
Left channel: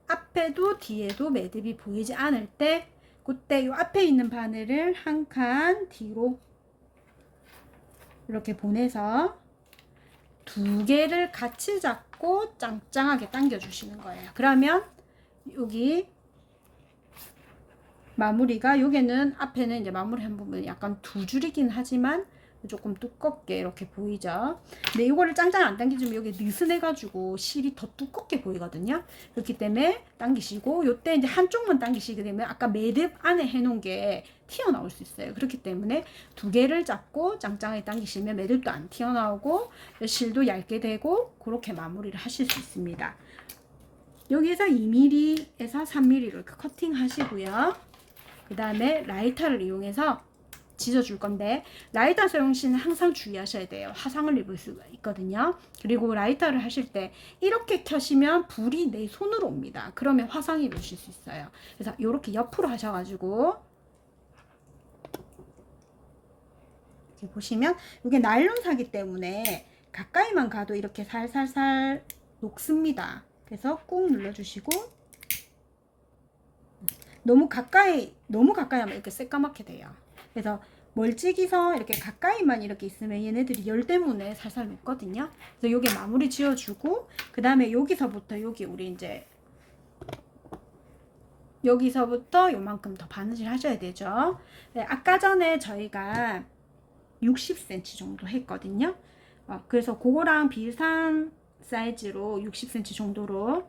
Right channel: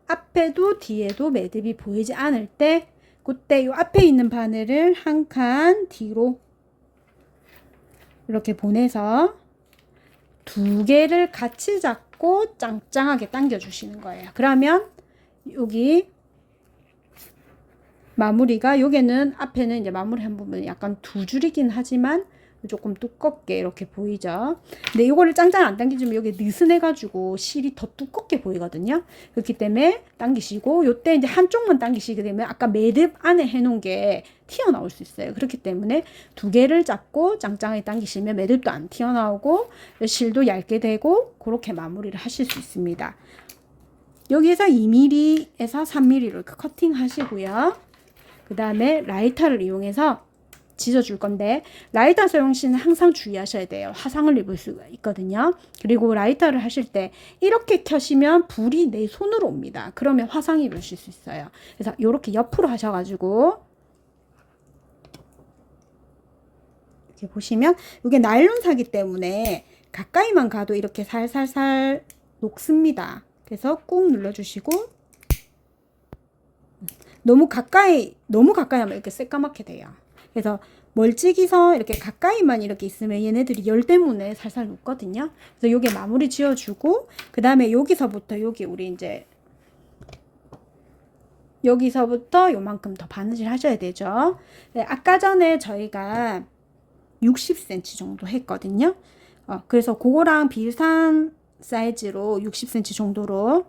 앞에도 뒤에도 매듭이 보이지 않을 때, 그때 이 앞에 있는 바늘을 한 칸 뒤로 이렇게 보내서 두 개를 같이 잡고 짱짱하게 당겨 주시는 거예요. 그러면 여기 마무리가, 여기는 앞에는 이제 마무리한 부분이 약간 두 줄이긴 하지만 조금 두껍게 이렇게 보이죠. 근데 이거를 짱짱 안 당기주면 여기 느슨해 가지고 실이 더 두껍게 보이거든요. 그렇기 때문에 당기시고, 요때 이제 한쪽만 당기시게 되면 아까 매듭 안에 해놓은 게 튀어나올 수 있어요. 그렇기 때문에 두 개를 잡고 짱짱하게 당기시면 매듭도 안 튀어나오고 실도 얇게 되고, 그렇게 마무리를 하실 수 있습니다. 여기에서 2mm에서 3mm 이렇게 커팅 하시고요. 그 다음에 라이터를 이용해서 지져줄 건데, 라이터 사용 시는 항상 주의하셔야 돼요. 화상을 입을 수가 있거든요. 그리고 라이터를 하실 때 이렇게 켜시면 불이 내 손으로 옵니다. 그러면 화상 입으실 수 있어요. 그래서 이렇게 옆으로 하셔가지고 이렇게 보시면 이게 나일론사기 때문에 가까이만 가도 이렇게 살살살 녹습니다. 그래서 꾹 눌러주시고, 너무 가까이 하면 이렇게 새까맣게 돼요. 그래서 멀찍이서 이렇게 가까이만 이렇게 있으면 얘네들이 열 때문에 살살 녹거든요. 그래서 요게 마무리 지어주고, 그 다음에 여기서부터 여기 우리 이제 여기서부터 요만큼 더 바느질 하셔야 되죠. 네, 아까 전에 저희가 60cm 정도 했거든요. 그래서 그거랑 비슷한 사이즈로 60cm 정도로,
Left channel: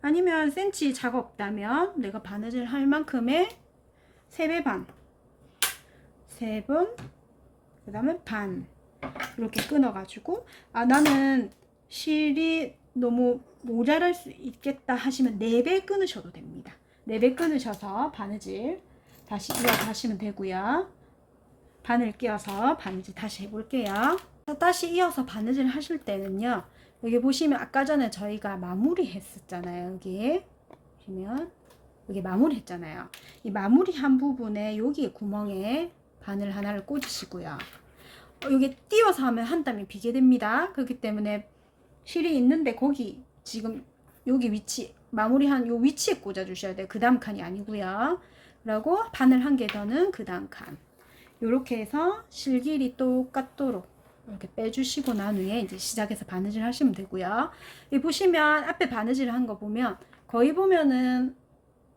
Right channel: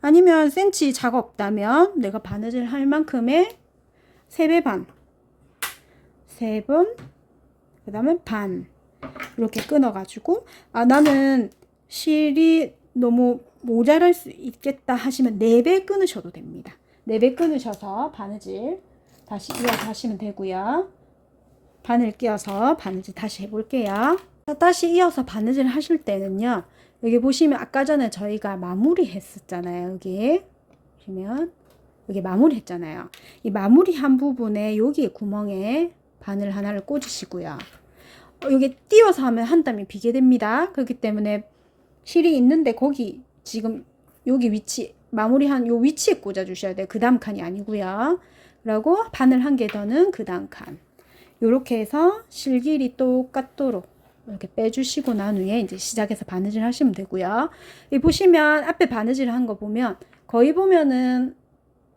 아니면 센치 자가 없다면 내가 바느질 할 만큼의 3배 반, 3번, 그 다음에 반 이렇게 끊어가지고, 나는 실이 너무 모자랄 수 있겠다 하시면 4배 끊으셔도 됩니다. 4배 끊으셔서 바느질 다시 이어서 하시면 되고요. 바늘 끼워서 바느질 다시 해볼게요. 다시 이어서 바느질 하실 때는요, 여기 보시면 아까 전에 저희가 마무리 했었잖아요. 여기 보시면 여기 마무리 했잖아요. 이 마무리 한 부분에 여기 구멍에 바늘 하나를 꽂으시고요. 여기 띄워서 하면 한 땀이 비게 됩니다. 그렇기 때문에 실이 있는데 거기 지금 여기 위치, 마무리한 요 위치에 꽂아 주셔야 돼요. 그 다음 칸이 아니고요. 그리고 바늘 한 개 더는 그 다음 칸. 요렇게 해서 실 길이 똑같도록 이렇게 빼주시고 난 후에 이제 시작해서 바느질 하시면 되고요. 이 보시면 앞에 바느질 한 거 보면 거의 보면은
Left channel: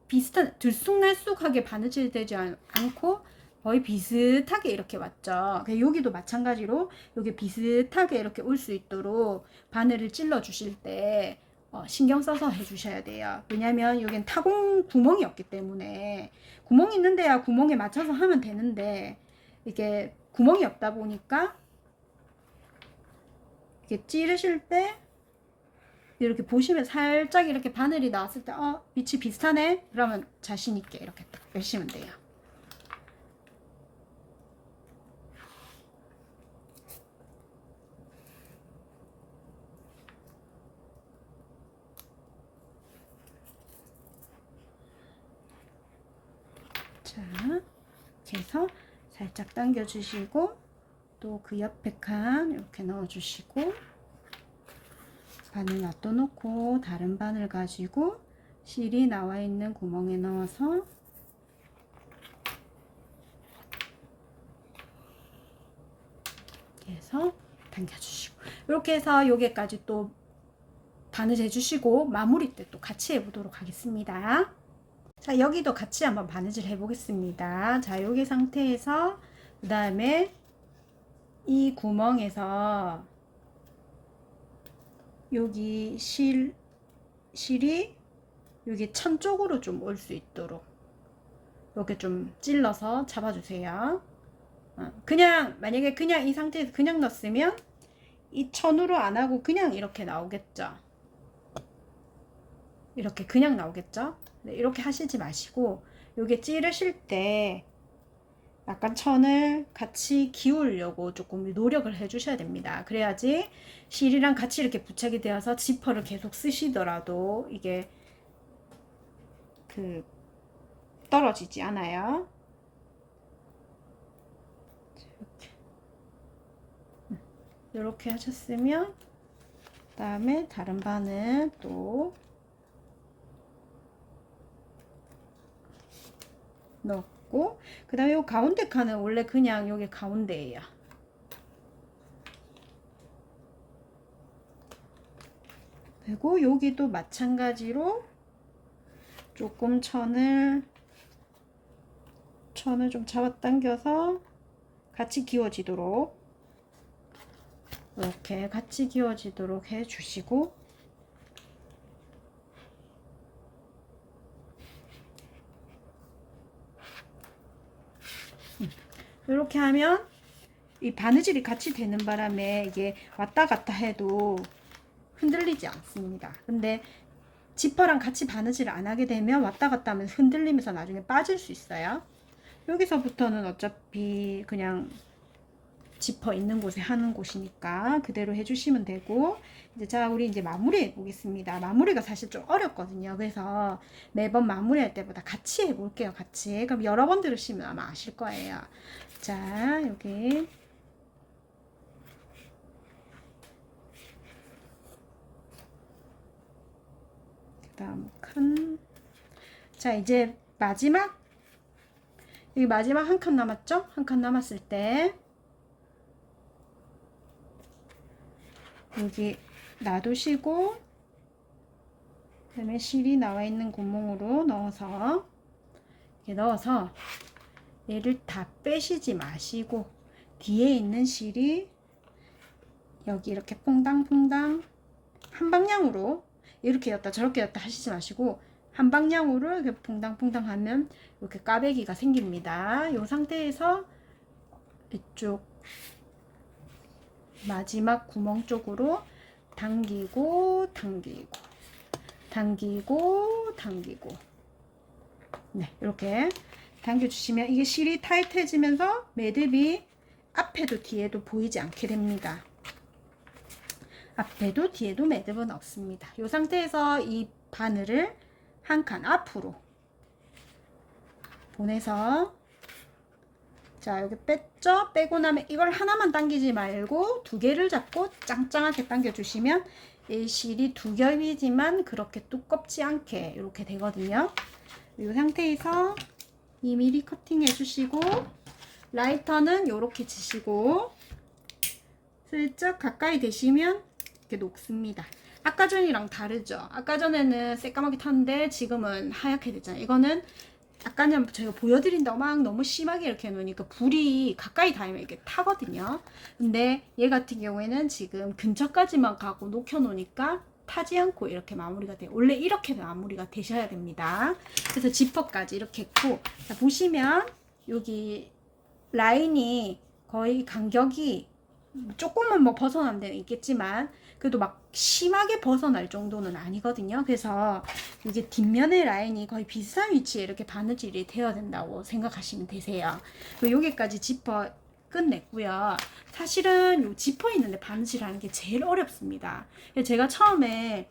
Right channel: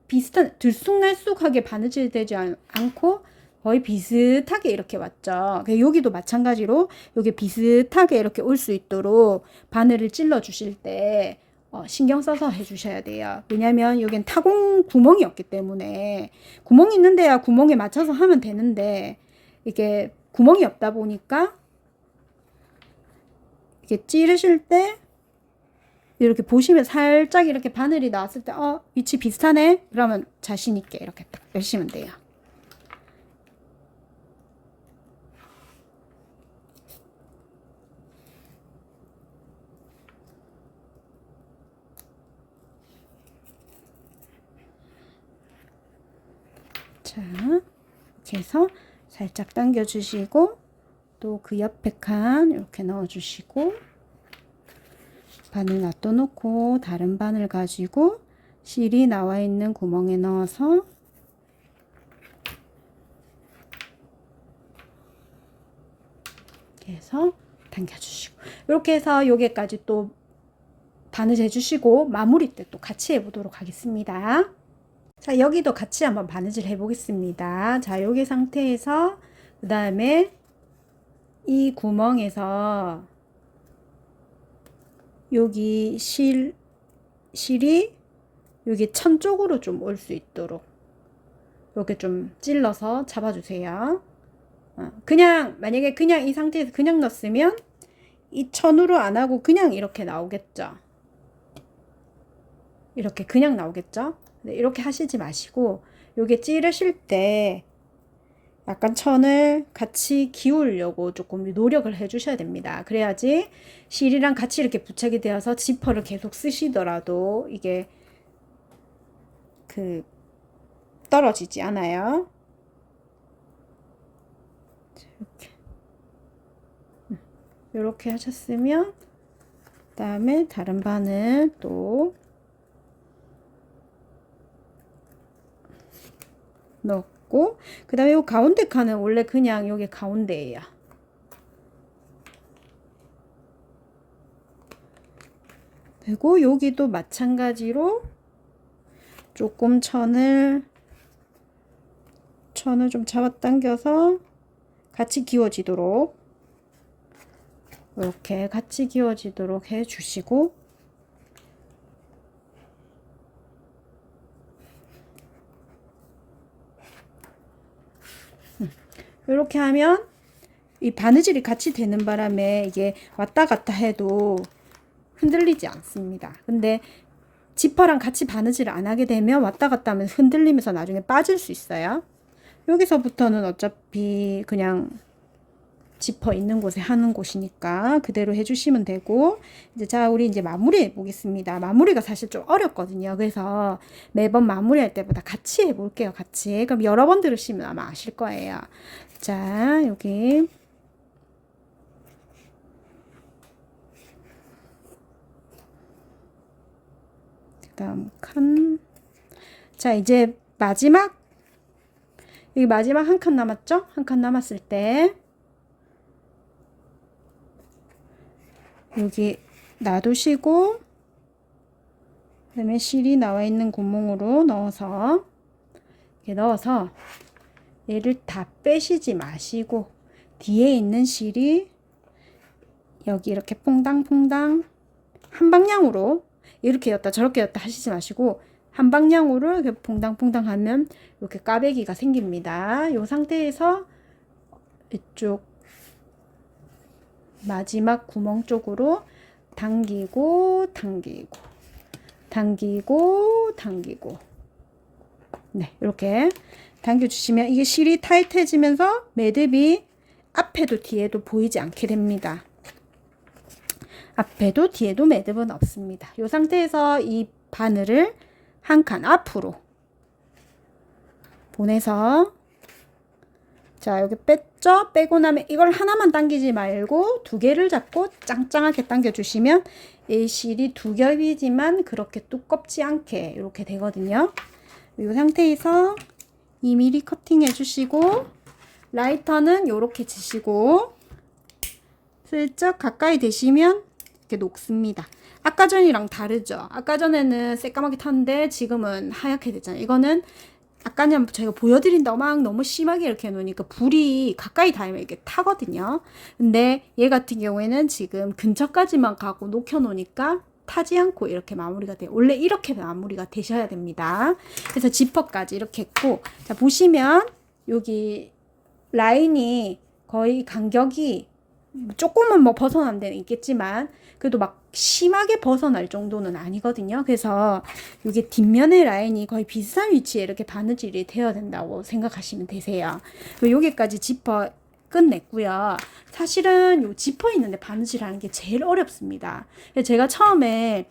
비슷한, 들쑥날쑥하게 바느질 되지 않고 거의 비슷하게 이렇게 왔죠. 여기도 마찬가지로 여기 비슷하게 이렇게 올 수 있도록 바늘을 찔러 주실 때 신경 써서 해주셔야 돼요. 왜냐면 여긴 타공 구멍이 없기 때문에, 구멍이 있는데야 구멍에 맞춰서 하면 되는데 이게 구멍이 없다 보니까 이렇게 찌르실 때 이렇게 보시면 살짝 이렇게 바늘이 나왔을 때 위치 비슷하네? 그러면 자신 있게 이렇게 딱 빼시면 돼요. 자, 이렇게 해서 살짝 당겨 주시고, 또 그 옆에 칸 이렇게 넣어 주시고, 바늘 놔둬 놓고 다른 바늘 가지고 실이 나와 있는 구멍에 넣어서 이렇게 해서 당겨 주시고, 이렇게 해서 여기까지 또 바느질 해주시고 마무리 때 또 같이 해보도록 하겠습니다. 자, 여기도 같이 한번 바느질 해보겠습니다. 자, 여기 상태에서 그 다음에 이 구멍에서 여기 실이 여기 천 쪽으로 좀 올 수 있도록 이렇게 좀 찔러서 잡아주세요. 그냥 만약에 그냥 이 상태에서 그냥 넣었으면 이 천으로 안 하고 그냥 이렇게 나오겠죠. 이렇게 그냥 나오겠죠. 네, 이렇게 하시지 마시고 요게 찌르실 때 약간 천을 같이 기울려고 조금 노력을 해 주셔야 됩니다. 그래야지 실이랑 같이 이렇게 부착이 되어서 지퍼를 계속 쓰시더라도 이게 떨어지지 않아요. 이렇게 하셨으면 그 다음에 다른 바늘 또 넣고, 그 다음에 이 가운데 칸은 원래 그냥 여기 가운데예요. 그리고 여기도 마찬가지로 조금 천을 좀 잡아당겨서 같이 기워지도록 이렇게 같이 기워지도록 해 주시고, 이렇게 하면 이 바느질이 같이 되는 바람에 이게 왔다 갔다 해도 흔들리지 않습니다. 근데 지퍼랑 같이 바느질을 안 하게 되면 왔다 갔다 하면 흔들리면서 나중에 빠질 수 있어요. 여기서부터는 어차피 그냥 지퍼 있는 곳에 하는 곳이니까 그대로 해주시면 되고, 이제 자, 우리 이제 마무리 해보겠습니다. 마무리가 사실 좀 어렵거든요. 그래서 매번 마무리할 때보다 같이 해볼게요. 같이. 그럼 여러 번 들으시면 아마 아실 거예요. 자, 여기. 그다음 칸. 자, 이제 마지막. 여기 마지막 한 칸 남았죠? 한 칸 남았을 때 여기 놔두시고, 그다음에 실이 나와 있는 구멍으로 넣어서 이렇게 넣어서 얘를 다 빼시지 마시고, 뒤에 있는 실이 여기 이렇게 퐁당퐁당 한 방향으로 이렇게 였다 저렇게 였다 하시지 마시고, 한 방향으로 이렇게 퐁당퐁당 하면 이렇게 까베기가 생깁니다. 이 상태에서 이쪽 마지막 구멍 쪽으로 당기고 당기고 당기고 당기고, 네, 이렇게 당겨주시면 이게 실이 타이트해지면서 매듭이 앞에도 뒤에도 보이지 않게 됩니다. 앞에도 뒤에도 매듭은 없습니다. 이 상태에서 이 바늘을 한 칸 앞으로 보내서, 자, 여기 뺐죠? 빼고 나면 이걸 하나만 당기지 말고 두 개를 잡고 짱짱하게 당겨주시면 이 실이 두 겹이지만 그렇게 두껍지 않게 이렇게 되거든요. 이 상태에서 2mm 커팅 해주시고, 라이터는 이렇게 치시고 슬쩍 가까이 대시면 이렇게 녹습니다. 아까 전이랑 다르죠? 아까 전에는 새까맣게 탔는데 지금은 하얗게 됐잖아요. 이거는 아까는 제가 보여드린다고 막 너무 심하게 이렇게 해놓으니까 불이 가까이 닿으면 이렇게 타거든요. 근데 얘 같은 경우에는 지금 근처까지만 가고 녹여놓으니까 타지 않고 이렇게 마무리가 돼요. 원래 이렇게 마무리가 되셔야 됩니다. 그래서 지퍼까지 이렇게 했고, 자, 보시면 여기 라인이 거의 간격이 조금은 뭐 벗어난 데는 있겠지만 그래도 막 심하게 벗어날 정도는 아니거든요. 그래서 이게 뒷면의 라인이 거의 비슷한 위치에 이렇게 바느질이 되어야 된다고 생각하시면 되세요. 여기까지 지퍼 끝냈고요. 사실은 요 지퍼 있는데 바느질 하는 게 제일 어렵습니다. 제가 처음에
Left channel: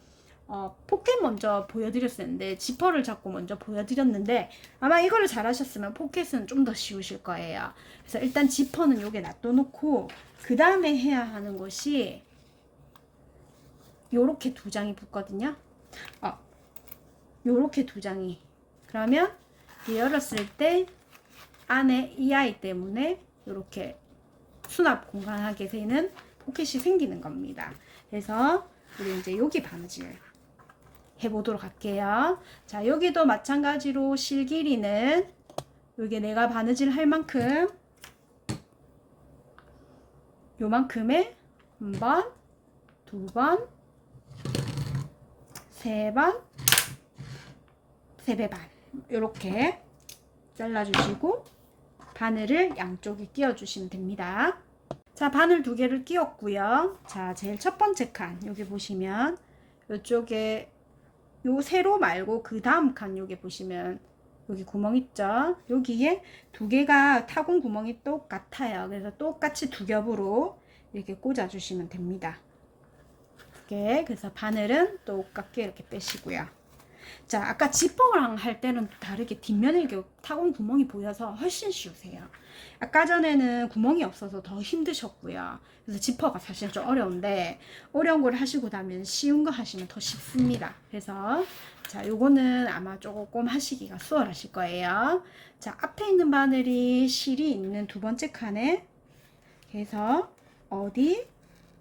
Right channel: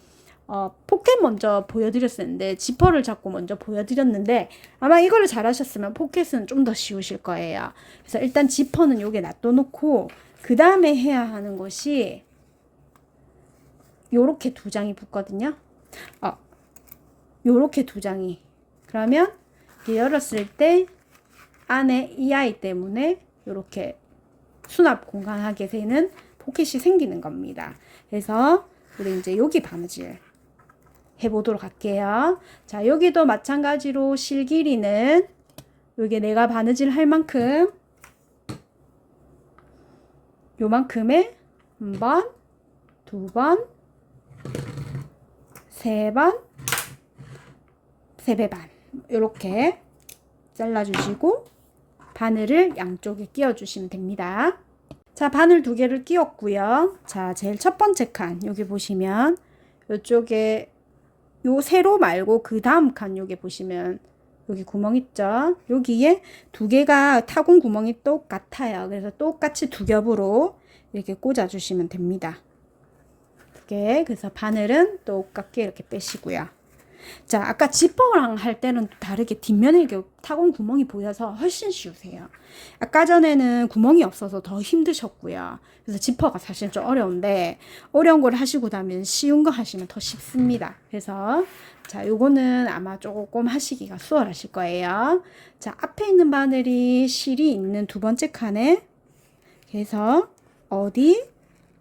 포켓 먼저 보여드렸었는데, 지퍼를 잡고 먼저 보여드렸는데, 아마 이거를 잘하셨으면 포켓은 좀 더 쉬우실 거예요. 그래서 일단 지퍼는 요게 놔둬놓고 그 다음에 해야 하는 것이 요렇게 두 장이 붙거든요. 요렇게 두 장이. 그러면 열었을 때 안에 이 아이 때문에 요렇게 수납 공간하게 되는 포켓이 생기는 겁니다. 그래서 우리 이제 여기 바느질 해보도록 할게요. 자, 여기도 마찬가지로 실 길이는 여기 내가 바느질 할 만큼 요만큼에 한 번, 두 번, 세 번, 세 배 반 이렇게 잘라주시고 바늘을 양쪽에 끼워주시면 됩니다. 자, 바늘 두 개를 끼웠고요. 자, 제일 첫 번째 칸 여기 보시면 이쪽에 요 세로 말고 그 다음 칸 여기 보시면 여기 구멍 있죠? 여기에 두 개가 타공 구멍이 똑같아요. 그래서 똑같이 두 겹으로 이렇게 꽂아 주시면 됩니다. 이렇게. 그래서 바늘은 똑같게 이렇게 빼시고요. 자, 아까 지퍼랑 할 때는 다르게 뒷면에 이렇게 타공 구멍이 보여서 훨씬 쉬우세요. 아까 전에는 구멍이 없어서 더 힘드셨고요. 그래서 지퍼가 사실 좀 어려운데, 어려운 걸 하시고 나면 쉬운 거 하시면 더 쉽습니다. 그래서 자, 요거는 아마 조금 하시기가 수월하실 거예요. 자, 앞에 있는 바늘이 실이 있는 두 번째 칸에 그래서 어디?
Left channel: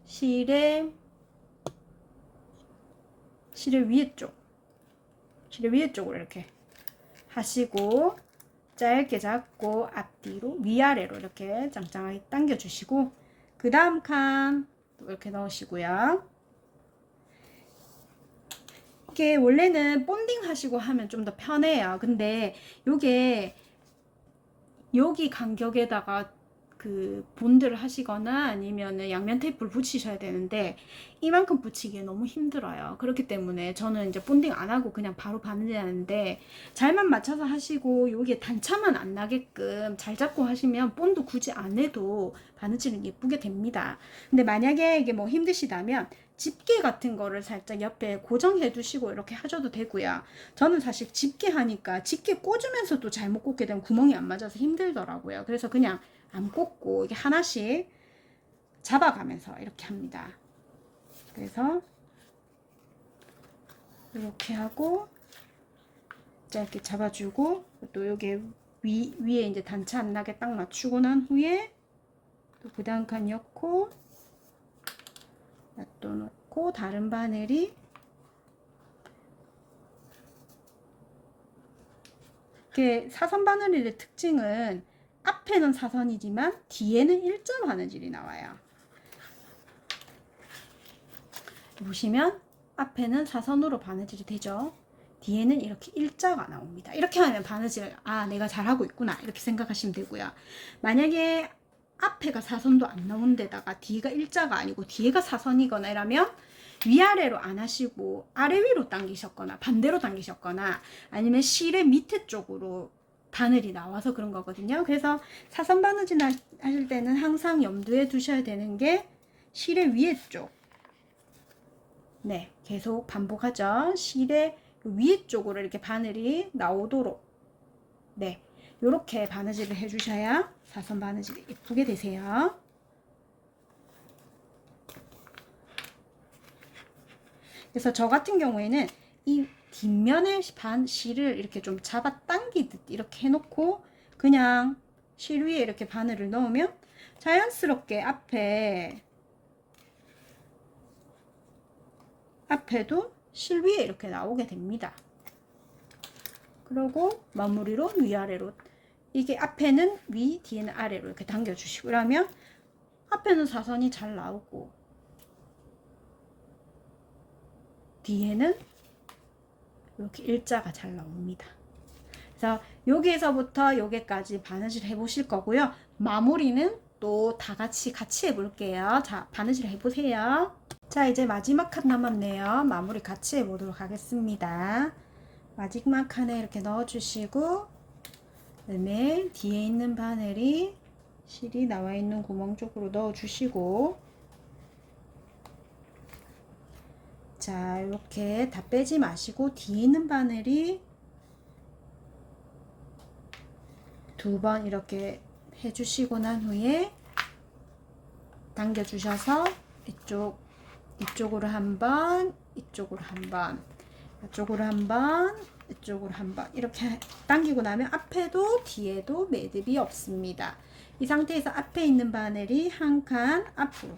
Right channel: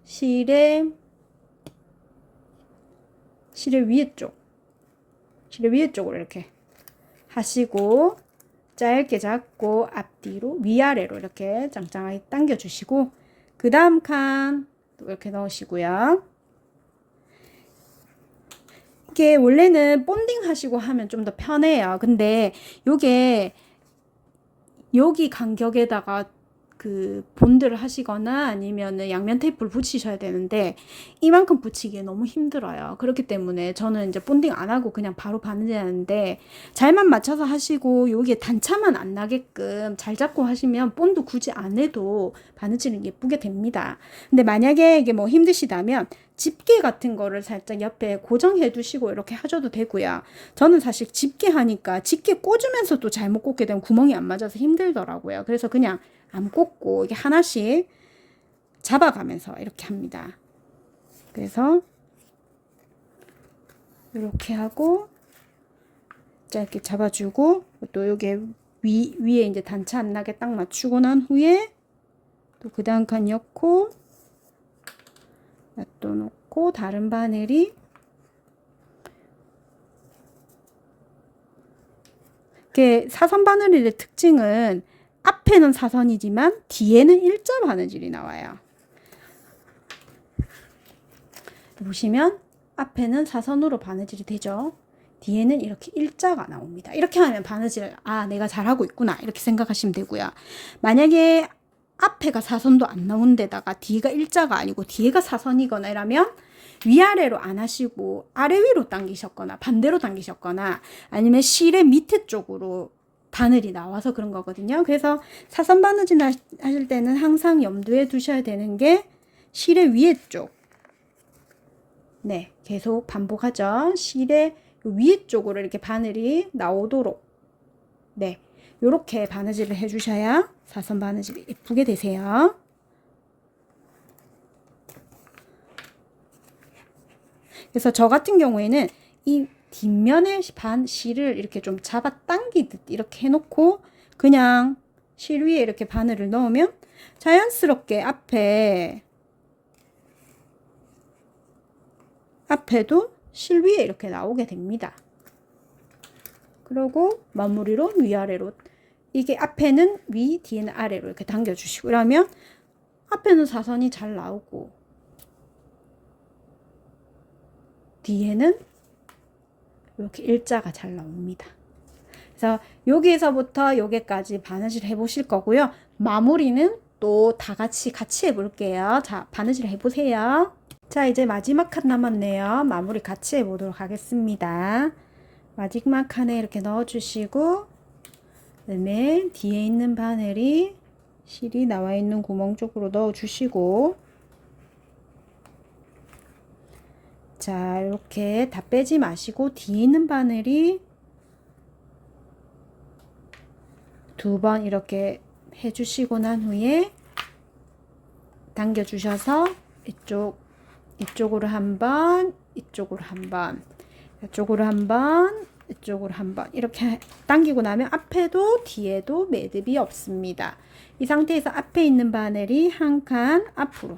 실의 위에 쪽, 실의 위에 쪽으로 이렇게 하시고 짧게 잡고 앞뒤로 위아래로 이렇게 짱짱하게 당겨 주시고, 그 다음 칸 이렇게 넣으시고요. 이게 원래는 본딩 하시고 하면 좀 더 편해요. 근데 요게 여기 간격에다가 그 본드를 하시거나 아니면은 양면 테이프를 붙이셔야 되는데 이만큼 붙이기 너무 힘들어요. 그렇기 때문에 저는 이제 본딩 안 하고 그냥 바로 바느질하는데, 잘만 맞춰서 하시고 여기에 단차만 안 나게끔 잘 잡고 하시면 본드 굳이 안 해도 바느질은 예쁘게 됩니다. 근데 만약에 이게 뭐 힘드시다면 집게 같은 거를 살짝 옆에 고정해 두시고 이렇게 하셔도 되고요. 저는 사실 집게 하니까 집게 꽂으면서 또 잘못 꽂게 되면 구멍이 안 맞아서 힘들더라고요. 그래서 그냥 안 꽂고 이게 하나씩 잡아가면서 이렇게 합니다. 그래서 이렇게 하고 짧게 잡아주고, 또 여기 위에 이제 단차 안 나게 딱 맞추고 난 후에 또 그 다음 칸 엮고 놔둬놓고, 다른 바늘이 이게 사선 바느질의 특징은 앞에는 사선이지만 뒤에는 일자 바느질이 나와요. 보시면 앞에는 사선으로 바느질이 되죠. 뒤에는 이렇게 일자가 나옵니다. 이렇게 하면 바느질, 아, 내가 잘하고 있구나, 이렇게 생각하시면 되고요. 만약에 앞에가 사선도 안 나온 데다가 뒤가 일자가 아니고 뒤에가 사선이거나 이러면 위아래로 안 하시고 아래 위로 당기셨거나 반대로 당기셨거나 아니면 실의 밑에 쪽으로 바늘이 나와서 그런 거거든요. 그래서 사선 바느질 하실 때는 항상 염두에 두셔야 되는 게 실의 위에 쪽. 네, 계속 반복하죠. 실의 위에 쪽으로 이렇게 바늘이 나오도록, 네, 요렇게 바느질을 해주셔야 사선 바느질이 예쁘게 되세요. 그래서 저 같은 경우에는 이 뒷면의 실을 이렇게 좀 잡아 당기듯 이렇게 해놓고 그냥 실 위에 이렇게 바늘을 넣으면 자연스럽게 앞에도 실 위에 이렇게 나오게 됩니다. 그리고 마무리로 위아래로, 이게 앞에는 위, 뒤에는 아래로 이렇게 당겨주시고, 그러면 앞에는 사선이 잘 나오고 뒤에는 이렇게 일자가 잘 나옵니다. 그래서 여기에서부터 여기까지 바느질 해보실 거고요. 마무리는 또 다 같이 해볼게요. 자, 바느질 해보세요. 자, 이제 마지막 칸 남았네요. 마무리 같이 해보도록 하겠습니다. 마지막 칸에 이렇게 넣어주시고, 그다음에 뒤에 있는 바늘이 실이 나와 있는 구멍 쪽으로 넣어주시고, 자, 이렇게 다 빼지 마시고 뒤에 있는 바늘이 2번 이렇게 해주시고 난 후에 당겨주셔서 이쪽으로 한 번, 이쪽으로 한 번, 이쪽으로 한 번, 이쪽으로 한 번 이렇게 당기고 나면 앞에도 뒤에도 매듭이 없습니다. 이 상태에서 앞에 있는 바늘이 한 칸 앞으로,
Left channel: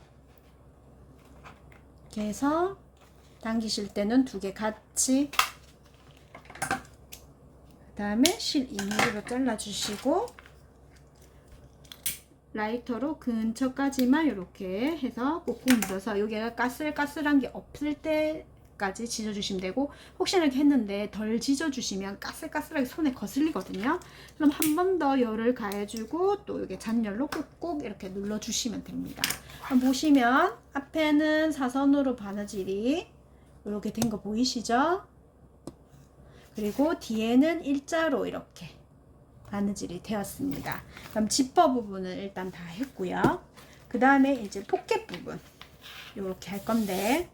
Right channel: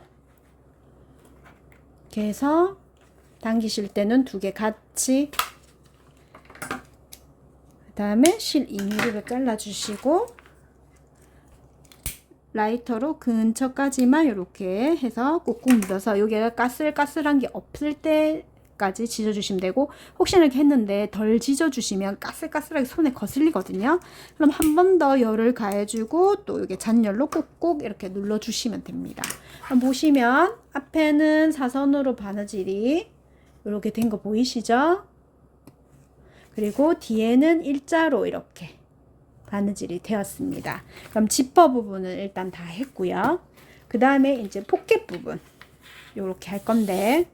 이렇게 해서 당기실 때는 2개 같이, 그 다음에 실 2mm로 잘라주시고 라이터로 근처까지만 이렇게 해서 꾹꾹 눌러서 여기가 까슬까슬한 게 없을 때까지 지져주시면 되고, 혹시나 이렇게 했는데 덜 지져주시면 까슬까슬하게 손에 거슬리거든요. 그럼 한 번 더 열을 가해주고 또 여기 잔열로 꾹꾹 이렇게 눌러주시면 됩니다. 보시면 앞에는 사선으로 바느질이 이렇게 된 거 보이시죠? 그리고 뒤에는 일자로 이렇게 바느질이 되었습니다. 그럼 지퍼 부분은 일단 다 했고요. 그 다음에 이제 포켓 부분 이렇게 할 건데,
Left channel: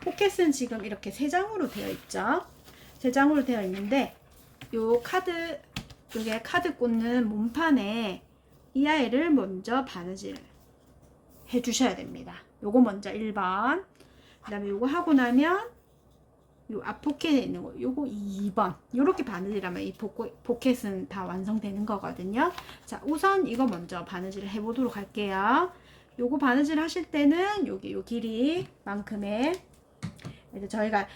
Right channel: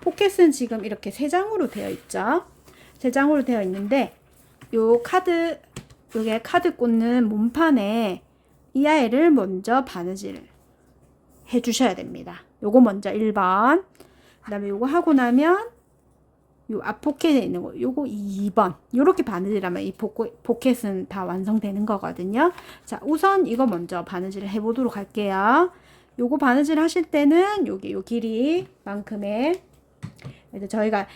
포켓은 지금 이렇게 3장으로 되어 있죠. 3장으로 되어 있는데 요게 카드 꽂는 몸판에 이 아이를 먼저 바느질 해 주셔야 됩니다. 요거 먼저 1번, 그 다음에 요거 하고 나면 요 앞 포켓에 있는 거 요거 2번, 요렇게 바느질하면 이 포켓은 다 완성되는 거거든요. 자, 우선 이거 먼저 바느질을 해 보도록 할게요. 요거 바느질 하실 때는 여기 요 길이만큼의, 이제 저희가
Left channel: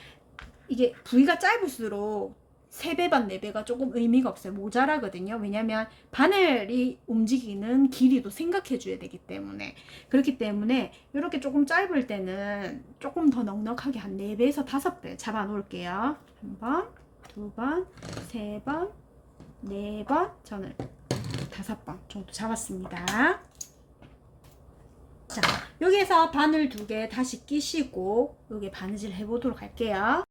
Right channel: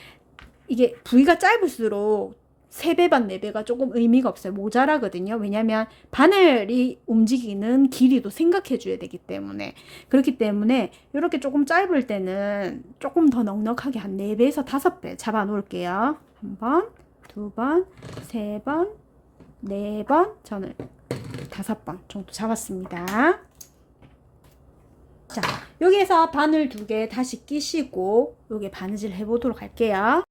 이게 부위가 짧을수록 3배 반 4배가 조금 의미가 없어요. 모자라거든요. 왜냐면 바늘이 움직이는 길이도 생각해 줘야 되기 때문에. 그렇기 때문에 이렇게 조금 짧을 때는 조금 더 넉넉하게 한 4배에서 5배 잡아 놓을게요. 1번, 2번, 3번, 4번, 저는 5번 정도 잡았습니다. 자, 여기에서 바늘 2개 다시 끼시고 요게 바느질 해보도록 할게요.